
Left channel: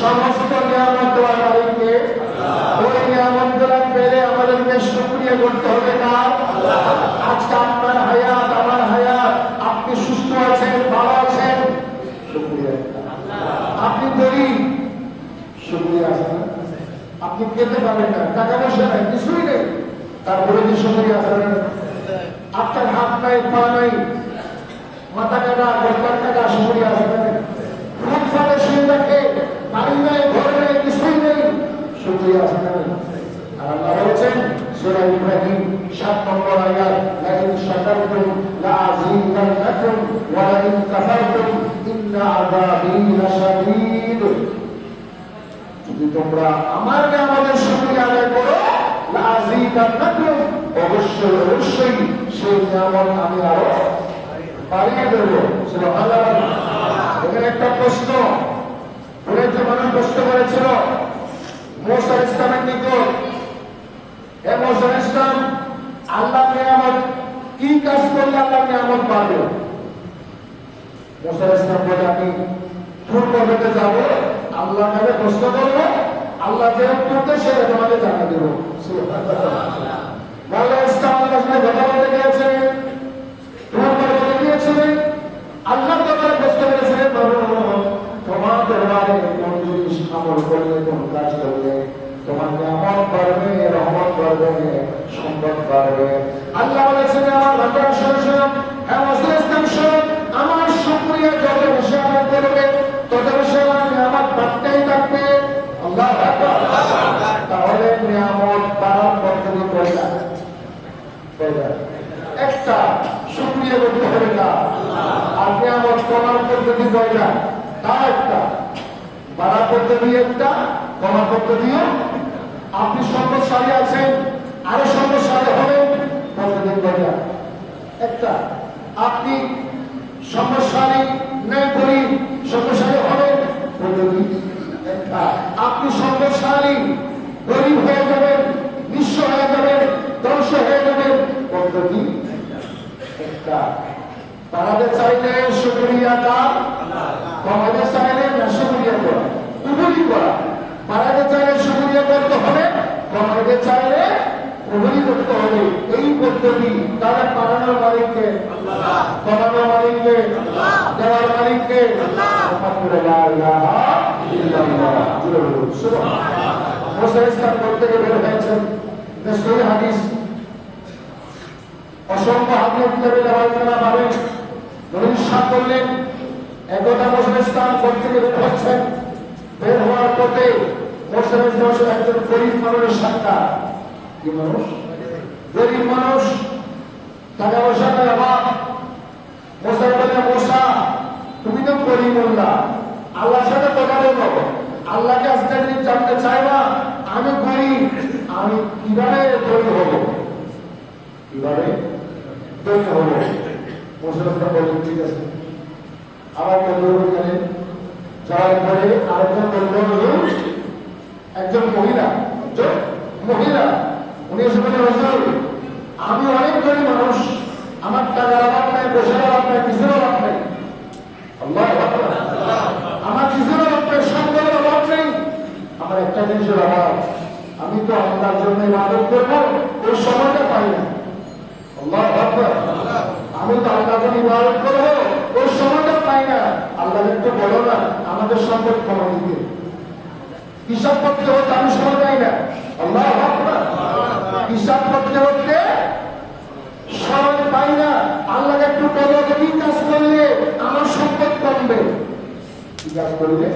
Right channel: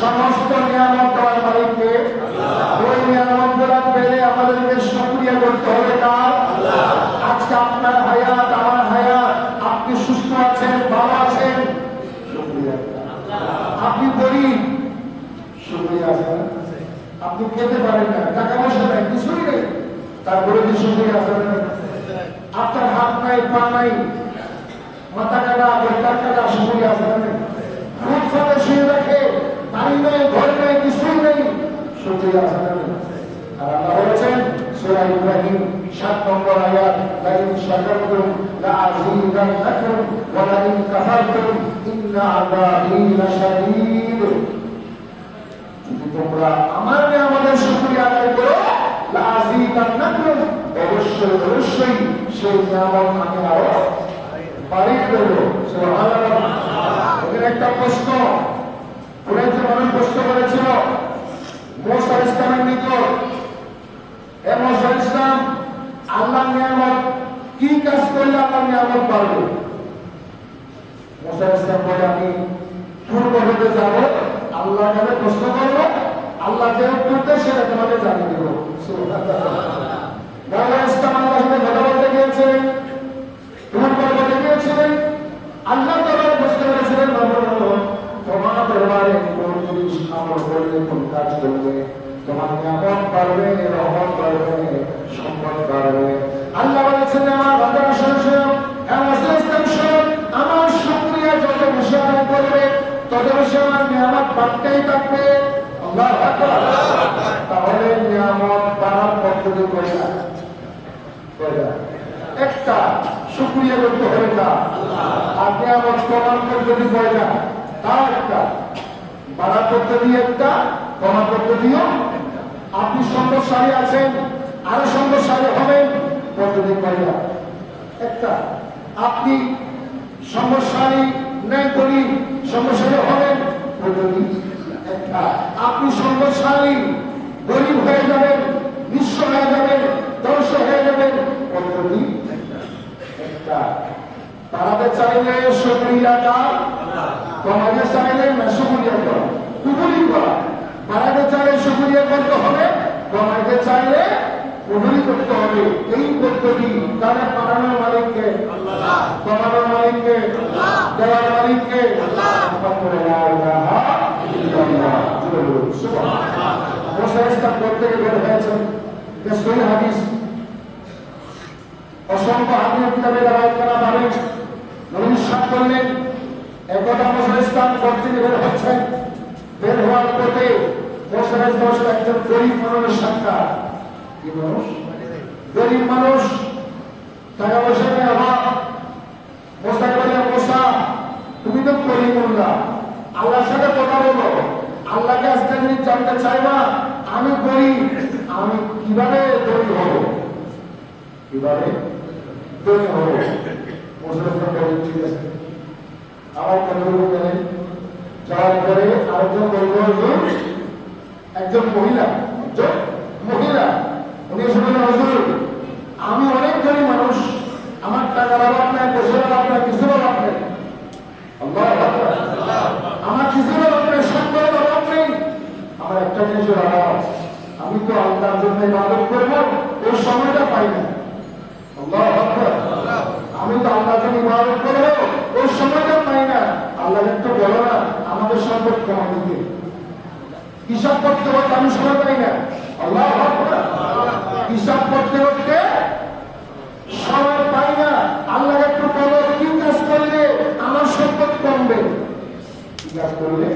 সমস্ত নিয়ামত দেওয়ার মালিককে। ওই নিয়ামত গুলা পেলে আমাদেরকে শুকরিয়া করতে হবে কার? আজকে আপনার হায়াত, আমার হায়াত, আপনি সুস্থ আছেন, ভালো আছেন, আপনি গরিব, শুকরিয়া আছে। আপনি খেতে পারেন না, টাকা পয়সা নাই, কিছুই নেই, তারপরে কি শুকরিয়া আছে? আপনার হাত নাই, পা নাই, মাথা কাটা, গোটার কাটা, শুকরিয়া আছে। ফুটপাতে শুয়ে রাখে, বাড়ি নাই, ঘর নাই, কিছুই নেই, শুকরিয়া আছে। আল্লাহ বলেছেন সূরা ইব্রাহিম ৭ নম্বর আয়াত, লাইন শাকারতুম লাযীদান্নাকুম ওয়া লাইন কাফারতুম ইন্না আযাবী লাশাদীদ। যদি তোমরা আমার নিয়ামতের শুকরিয়া আদায় করো, লাযীদান্নাকুম, অবশ্যই অবশ্যই সেই নিয়ামত আমি আরো বাড়িয়ে দেব। সুবহানাল্লাহ। এখানে একটা প্রশ্ন, অনেক মানুষ প্রশ্ন করেছিল মুসা আলাইহিস সালামের নিকট, হে মুসা আলাইহিস সালাম, আল্লাহ নিয়ামত কি কাজ করলে আল্লাহ নিয়ামত পাবে? মুসা আলাইহিস সালাম বলে, আমি তুর পর্বতে যাব, আল্লাহর কাছে প্রশ্ন করবো, আল্লাহ যে উত্তর দেয় সেটা তোমাদের জানিয়ে দেব। মওলানা ইসলাম আল্লাহর সাথে কথা বলতে গিয়েছিলেন, তুর পর্বতে গিয়েছিলেন, আল্লাহ দরবারে বুঝতে পেরেছিলেন তোমার দরবারে কোন জিনিস আমল করলে, কোন কাজ করলে তোমার নিয়ামত বাড়বে, রহমত বাড়বে, সম্পদ বাড়বে। আল্লাহ বলেছেন আমার বান্দারা শুনুন, আমার শুকরিয়া যত বেশি আদায় করবে তত বেশি আমার নিয়ামত বাড়তেই থাকবে। আল্লাহু আকবার। তাহলে নিয়ামত বাড়ার পদ্ধতি কয়টা? একটা, শুকরিয়া করতে হবে না। আর নিয়ামত কমার পদ্ধতি কয়টা? তার একটা। বাড়ার পদ্ধতি একটা, কমার পদ্ধতিও। আপনি সম্পদশালী আছেন, আরো সম্পদশালী হবেন, পদ্ধতি কয়টা? একটা। আপনি সম্পদশালী নাই, গরিব, সম্পদশালী হবেন, পদ্ধতি একটা। আপনি সম্পদশালী, গরিব হয়ে যাবেন, নিঃস্ব হয়ে যাবেন, ধ্বংস হয়ে যাবেন, পদ্ধতি একটা। বাড়াতে চাইলে শুকরিয়া দাও, কমাতে চাইলে না শুকরিয়া করা, উভয়ই করা। বাড়াতে চাইলে শুকরিয়া করতে হবে, কমাতে চাইলে উভয়ই করতে হবে। এই পদ্ধতি তারা বাড়ানোর মালিককে, কমানোর মালিককে, দেওয়ার মালিককে। মুসা ইসলাম থেকে বের হয়েছেন, সহিহ হাদিস, অসংখ্য হাদিস কিতাবে রওয়ায়াত করা পাবেন। নবী সাহেব বললেন, একদা মুসা ইসলাম থেকে বের হচ্ছেন, বের হওয়ার পথে মুসা ইসলামের একজন গরিব মানুষের সাক্ষাৎ। কি মানুষ? গরিব মানুষ, টাকা পয়সা নেই, অভাব। মুসাকে বলে, মুসা তুমি তো গরিবুল্লাহ, আল্লাহর সাথে কথা বলো, আল্লাহকে আজকে যদি জানতে চাইবা আমি গরিব, আমি কিভাবে ধনী হব, কিভাবে ধনী হব? মুসলমান বলেন, ঠিক আছে। আবার গেলেন, যাওয়ার পরে আরেকজন বলল, একজন মহিলা, উনি এসে বলে, হুজুর আমি অনেক গরিব মানুষ, আমার টাকার অভাব নাই, পয়সার অভাব নাই, কিছুর অভাব নেই। আল্লাহু আকবার। আমার কিছুর অভাব নেই, সম্পদের অভাব নেই, আমার একটা জিনিসের অভাব, আমি তো আল্লাহর জন্য ইবাদত করবো, ওই সময়টা পাই না। আল্লাহু আকবার। আমি তো আল্লাহর জন্য ইবাদত করবো, ওই সময়টা পাই না। আল্লাহ একটু বলো না আমাদের সম্পদ কমা দিতে, হিসাব করতে করতে আমি সময় পাই না। আল্লাহু আকবার। হিসাব করতে করতে সময় পাই না। আল্লাহ একটু বলো কি কাজ করলে আমার সম্পদ কমবে, কি কাজ করলে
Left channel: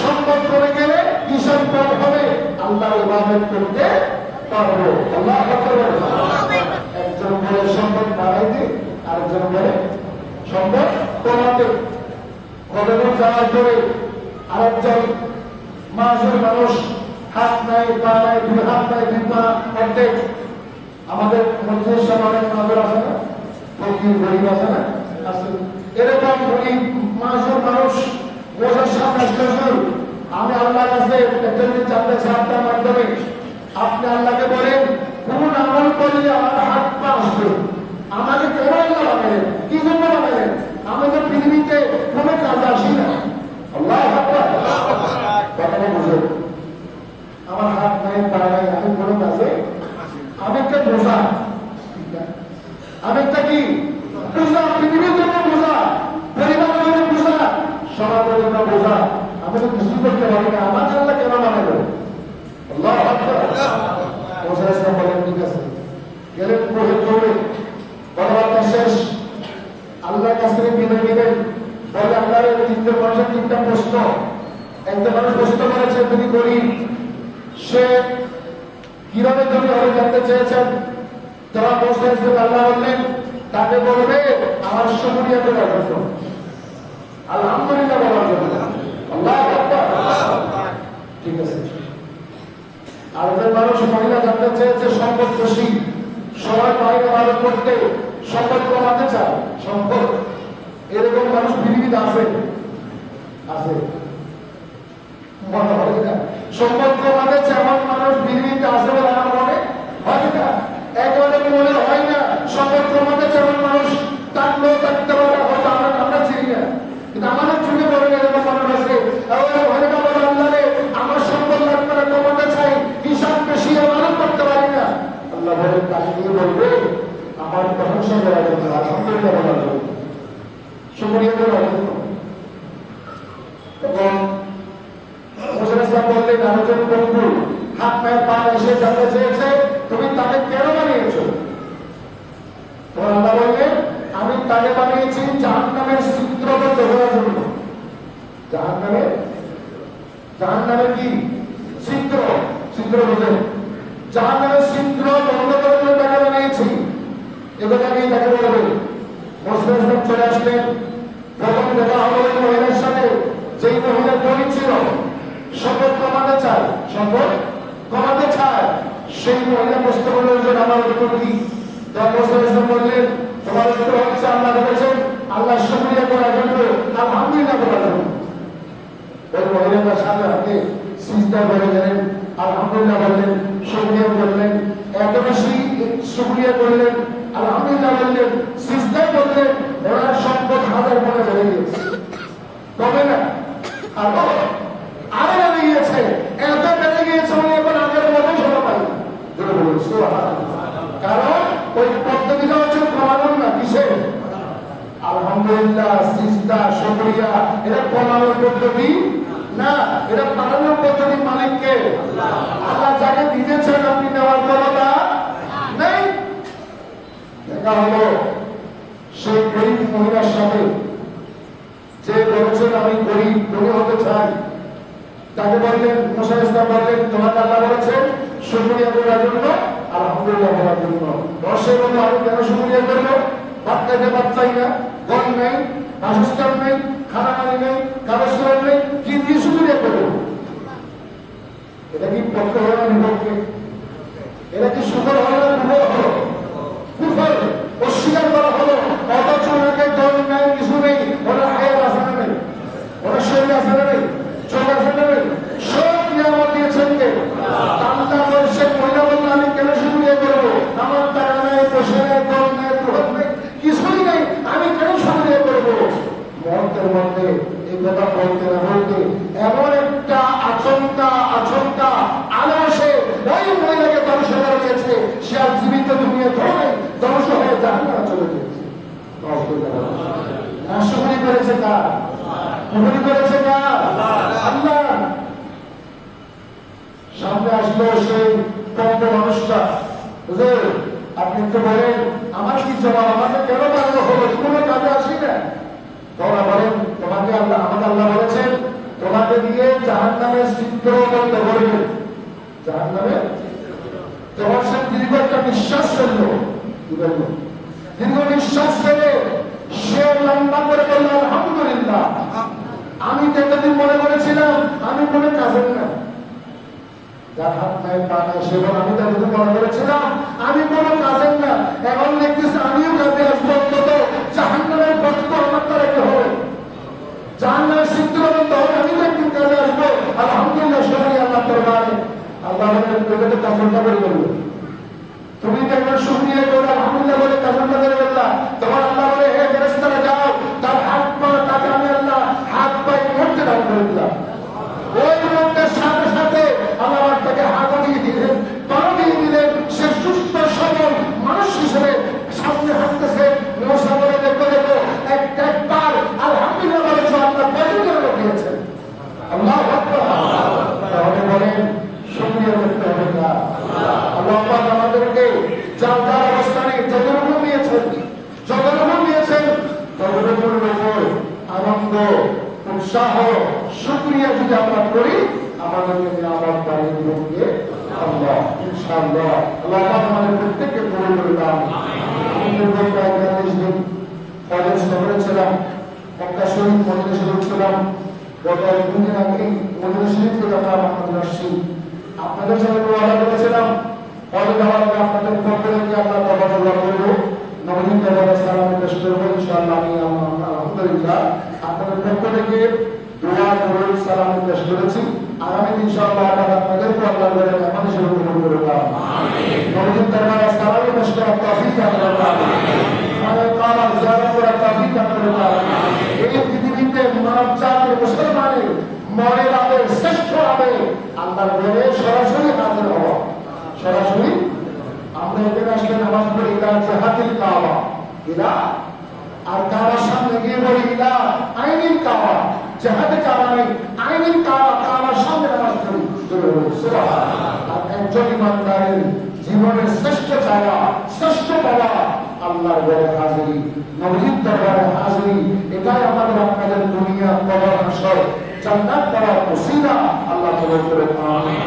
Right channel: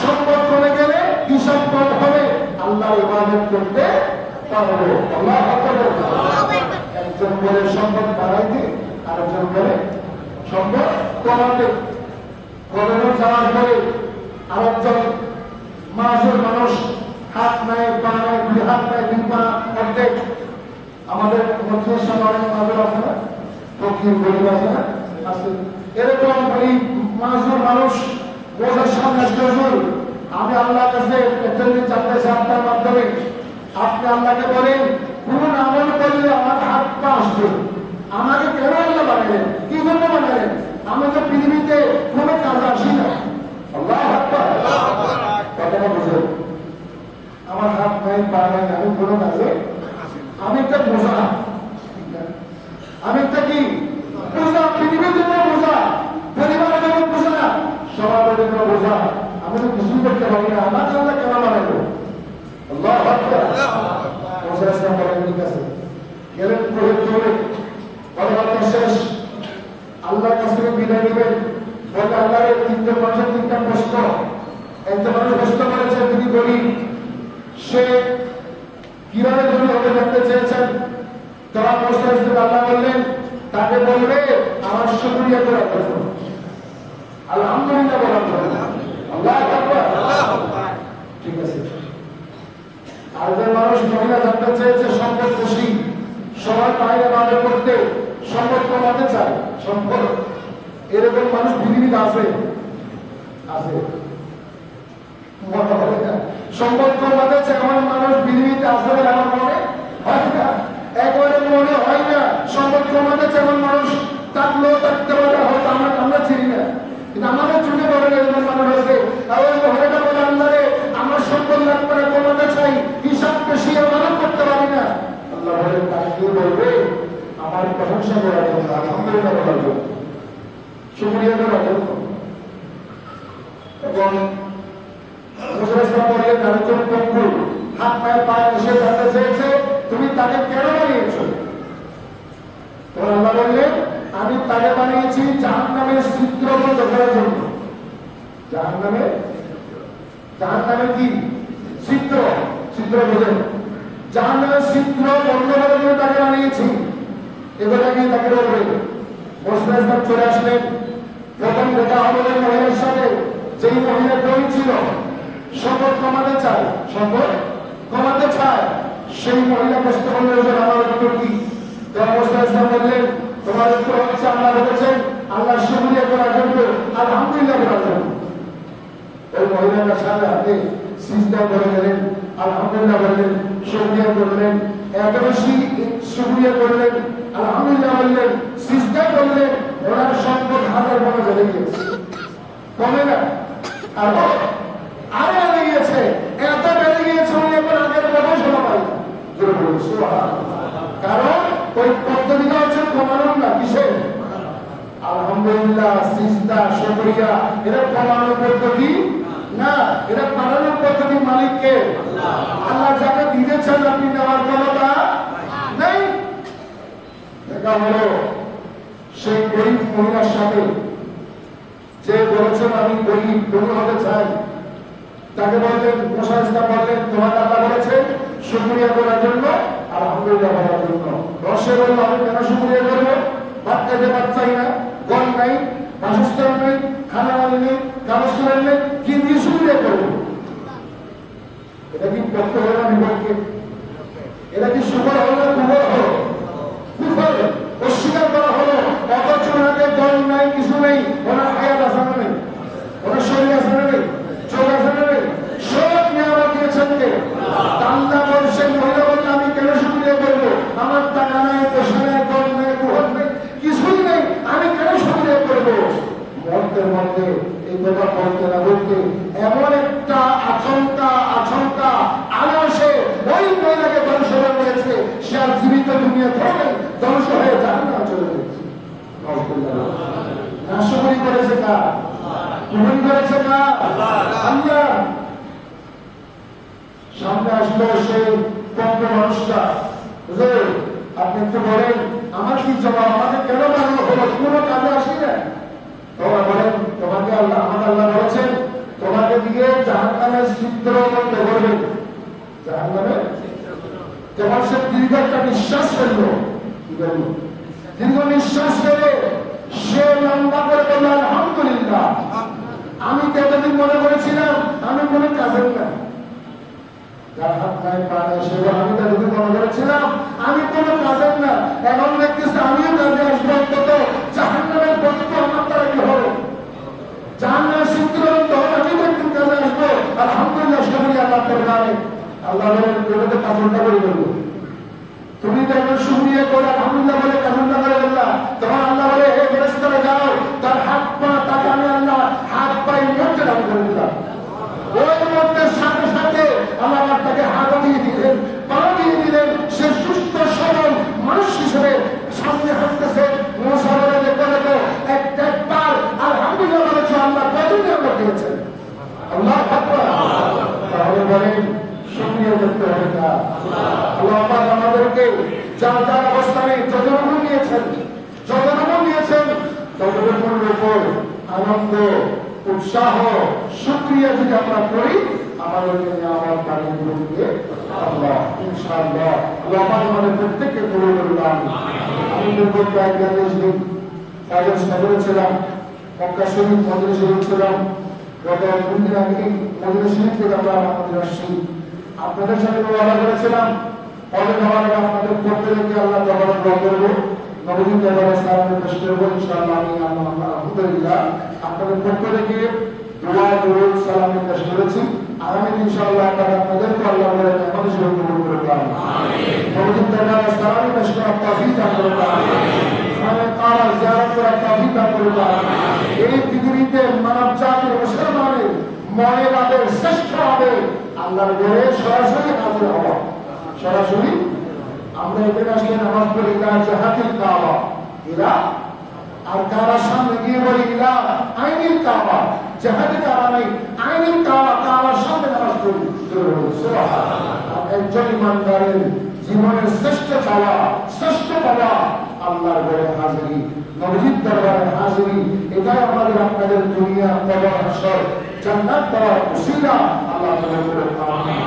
সম্পদ কমে গেলে হিসাব কম হবে, আল্লাহ ইবাদত করতে পারবো। আল্লাহু আকবার। একজন বলে সম্পদ বাড়াইতে, আরেকজন বলে সম্পদ কমাতে। কতক্ষণ যাওয়ার পরে আরেকজন মাসুর মানুষ, হাত নাই, পা নাই, দুই হাত নাই, দুই পা অর্ধেক। আমাদের মধ্যস্থ অনেক নজর আছে না, ফকির গরিব আছে না, আছে। এরকম গরিব মাসুর মানুষ বোঝার সামনে হুজুর, আমি আল্লাহর কাছে একটা জিনিস জানতে চাই আপনার মাধ্যমে। আপনি আল্লাহকে বলেন কোন আমল করলে আমার হাত পা আসবে, আমাকে কেন আল্লাহ বানালেন, কি জন্য বানালেন? আমি তো পৃথিবীতে কোনো কাজ আসি না। আল্লাহ কথাটা বুঝে, আমার হাত নাই, পা নাই, আমি কোনো কাজে, আমি একটা বোঝা, আমি একটা কি বোঝা, পৃথিবীর জন্য বোঝা, পরিবারের জন্য বোঝা, সমাজের জন্য বোঝা। আমি তো কিছুই করতে পারি না, আমাকে আল্লাহ কেন বানাইল? আল্লাহ বলেন ঠিক আছে, গেলেন দৌড়ে, কথাবার্তা শেষ, আল্লাহর কাছ থেকে বিদায় নেবেন। বলে আল্লাহ তিনটে মানুষের তিনটা প্রশ্ন। একটা মানুষ প্রশ্ন করেছে তিনি গরিব, সে কিভাবে তুমি হবে জানতে চেয়েছেন। তোমার প্রশ্ন হিসেবে আল্লাহ বললেন তাকে বলবে আমার শুকরিয়া করার জন্য, আলহামদুলিল্লাহ বলার জন্য। আল্লাহ ঠিক আছে। আরেকজন মানুষ মহিলা জানতে চেয়েছে সম্পদ খুশি, সবাই বাইরে বাইরে করতে সম্পদ কমাতে চায়, সম্পদ। এরকম মানুষ পৃথিবীতে আছে, আছে সম্পদ কমাতে চায় এমন মানুষ পৃথিবীতে আসবে বলে আমার মনে হয় না, একেবারে মনে হয় না। সম্পদ কমাতে চায় এমন মানুষ থাকলেও থাকতে পারে, হয়তো আমরা চিনি না, কিন্তু আমাদের চোখে পড়ে না এরকম মানুষ আছে। আর ওই মহিলাটা বলে আল্লাহ রে আমার সম্পদ লাগবে না, কমাতে চাই, হিসাব বেশি আমার করতে পারি না। আল্লাহ বলে তাকে বলবে আমার প্রশংসা করার জন্য, আলহামদুলিল্লাহ বলার জন্য, শুকরিয়া করার জন্য। এবং বললেন আরেকজন বন্ধু হাত পায়ে পা এসে জানতে চেয়েছে তুমি তাকে কেন বানিয়েছ? তখন আল্লাহ বললেন আমি তাকে বানিয়েছি জাহান্নামের ছিদ্র বন্ধ করার জন্য। জাহান্নামের কি ছিদ্র? ছিদ্র বুঝেন? জাহান্নামের ছিদ্র বন্ধ করার জন্য তাকে বানিয়েছি। এগুলো নিয়ে তাকে বলবেন। মুসা ইসলাম চলে আসলেন, প্রথম দেখা হলো এই মহিলার সাথে, যেই মহিলা গরিব ছিল, সম্পদ কমাতে চায়, সম্পদ কমাতে চায়। সেই মহিলা প্রশ্ন করলেন আমার উত্তর কি? মুসা ইসলাম বললেন তোমার উত্তর হচ্ছে আল্লাহ বলেছেন আল্লাহ শুকরিয়া করার জন্য, আলহামদুলিল্লাহ করার জন্য। ওই মহিলাটার সাথে হাতে সিজদা করে গেলেন, আলহামদুলিল্লাহ বললেন, শুকরিয়া করলেন, এত বেশি শুকরিয়া করলেন, আলহামদুলিল্লাহ বললেন, সিজদাই করলেন, ওনার সম্পদ হাজার মনে বেড়ে গিয়েছে, কমে না, আরো বেড়ে গিয়েছে। এত বেড়ে গিয়েছে উনি এখন আগের মতো শোনা পাই না। কারণ ওই পদ্ধতিটা হচ্ছে কমানোর না, কিসের? আলহামদুলিল্লাহ, সিজদা, শুকরিয়া, এটা কমানোর পদ্ধতি না, এটা বাড়ানোর পদ্ধতি। মালিককে আল্লাহ যাকে দিতেছেন আপনি নেওয়ার ক্ষমতা নাই। দেখা হলো সেই গরিব মহিলার সাথে, যে বলছেন আমি গরিব, ধনী হতে চাই, তাকে বললেন মুসা ইসলাম বললেন তোমাকে আল্লাহ বলেছেন শুকরিয়া করার জন্য, আলহামদুলিল্লাহ বলার জন্য। রসে বলল আমি কেন শুকরিয়া করবো? ভাত খাইতে পারছাই না, ঘর নাই, বাসস্থান নেই, খানা পানি নেই, কাগজ নেই, কি দিয়ে শুকরিয়া করবো? এটা কি পক্ষ হল না বিপক্ষে? এটা কি সুফল হল না কুফল হলো? কুফল অস্বীকার করা হলো। অথচ ওনাকে দল নেই, কিছু নেই, ওনার হায়াত আসানা নেই, ওনার শরীর আসানা নেই, চোখ আসানা নেই, সব নিয়ামত দিয়েছেন কে? আল্লাহ বলছেন। মহিলা বলল আমি কেন শুকরিয়া করবো? আমার টাকা নাই, পয়সা নাই, দল নেই, গ্রহণ নেই, কিছুই নেই, আমি কেন শুকরিয়া করবো? মন্ত্রের মধ্যে এই কথা বলতে না বলতে এমন একটা আচমকা আলোসে ওই মহিলাকে ধ্বংস করে দিয়েছে। সে আর জীবিত দুনিয়া ধরে ধ্বংস হয়ে জাহান্নামে চলে গেছে। নাশকরি করেছে কার? কুফরি করেছে কার? আল্লাহ। সামনে আসলো সেই পক্ষ মানুষটা, হুজুর আপনি একটু বলেন আমার কি জবাব, আমাকে কেন বানানো হলো? কোনো কাজে আসি না। তোমরা বলেন তোমাকে আল্লাহ, আমাকে আল্লাহ বলেছেন তোমাকে দিয়ে জাহান্নামের ছিদ্র বন্ধ করবেন। জাহান্নামের তোমার সে দীর্ঘ একটা নিঃশ্বাস ফেললো, দীর্ঘ নিঃশ্বাস ফেলে সে লম্বা করে বলল আলহামদুলিল্লাহ, আমি তো এতদিন মনে করেছিলাম আমি কোনো কাজের না, যার হাত নাই পা নাই সেবার আমি তো এতদিন মনে করেছিলাম আমি কোনো কাজের না। এখন দেখতেছি আমিও কাজে আসবো, অন্তত জাহান্নামের প্রতি তো আমার দ্বারা কি হবে, জাহান্নামের সিদ্ধিরবন্ধ হবে, আমি তো একদিন কাজে আসবো। আলহামদুলিল্লাহ শুকরিয়া আল্লাহ দরবারে। আল্লাহ বলেন এটা তো কাজটা করে বলবো, তুমি তো একজন শুকরিয়া করে আলহামদুলিল্লাহ বলে কাজটা করে বললা, তখন আল্লাহ বলে হে ফেরেশতারা যাও, তার হাত পা তাকে আমি আল্লাহ হাত পাই মরতে দান করে দিলাম। ওই মুহূর্তের সাথে সাথে আল্লাহ তাকে হাত দিয়ে দিলেন, পা দিয়ে দিলেন, সে সুস্থ সবল মানুষ হিসেবে সামনে হাঁটতেছে। মুসা বলে দেখো দেখো একবার আলহামদুলিল্লাহ বলেছো, আল্লাহ কতদিন আমরা দিয়েছেন। আল্লাহ তাহলে বলেন শুকরিয়া করতে হবে না। আল্লাহ আমাদেরকে যার যার অবস্থানে যতটুকু নিয়েছেন ততটুকুর উপর আনন্দ উৎসাহ শুকরিয়া যদি আমরা করি, আমাদেরকে নিয়ামত বাড়িয়ে দিবে আল্লাহ ইনশাআল্লাহ। আল্লাহ আমাদের প্রত্যেককে কবুল করলাম। আমি দীর্ঘ প্রায় ৪০ দিন কলেজ শহরে ছিলাম, মক্কা শরীফ মদিনা শরীফ ছিলাম। গত ২ দিন আগে মদিনা শরীফ থেকে আমরা আমাদের আসছি। আপনাদের সাথে ওয়াদা করেছিলাম কলেজ হওয়ার আগে আপনাদের পক্ষ থেকে আল্লাহ দরবারে দোয়া করবো, নবীর দরবারে সালামে পেশ করবো ইনশাআল্লাহ। আমি আলহামদুলিল্লাহ আপনাদের পক্ষ থেকে দোয়া দরুদ সালামে পেশ করেছি। আগামী ইনশাআল্লাহ আপনাদেরকে আল্লাহ বলে মেহমান হিসেবে কবুল করবেন। আমিন। নবীর দরবারে সালামে পেশ করার তৌফিক দান করুন। আমিন। সালাত কাবার জিয়ারত করার তৌফিক দান করুন। আমিন। এই পৃথিবীতে মানব জাতির মুসলমানের মনের আবেগ শ্রেষ্ঠ আবেগ আল্লাহর ঘরে সরাসরি হাজির হওয়া। সরাসরি আমরা এখানে আসলে নামাজ পড়ি ইলা জিহাতিল কাবা, ইলা আর কাবার সামনে গিয়ে বলি ইলা আইনিল কাবা। জিহাদে কাবা নেই, আইনিল কাবা, কাবার সামনে নামাজ পড়ি। সুবহানাল্লাহ। একজন ইমানদারের জীবনের শ্রেষ্ঠ চাওয়া, শ্রেষ্ঠ পাওয়া আল্লাহর ঘরে হাজিরি, নবীর দরবারে হাজিরি। এটাই আমাদের আপনাদের দুনিয়া কবর হাসর জান্নাত পাওয়ার ওসিলা। আল্লাহ কবুল করুন। আমিন।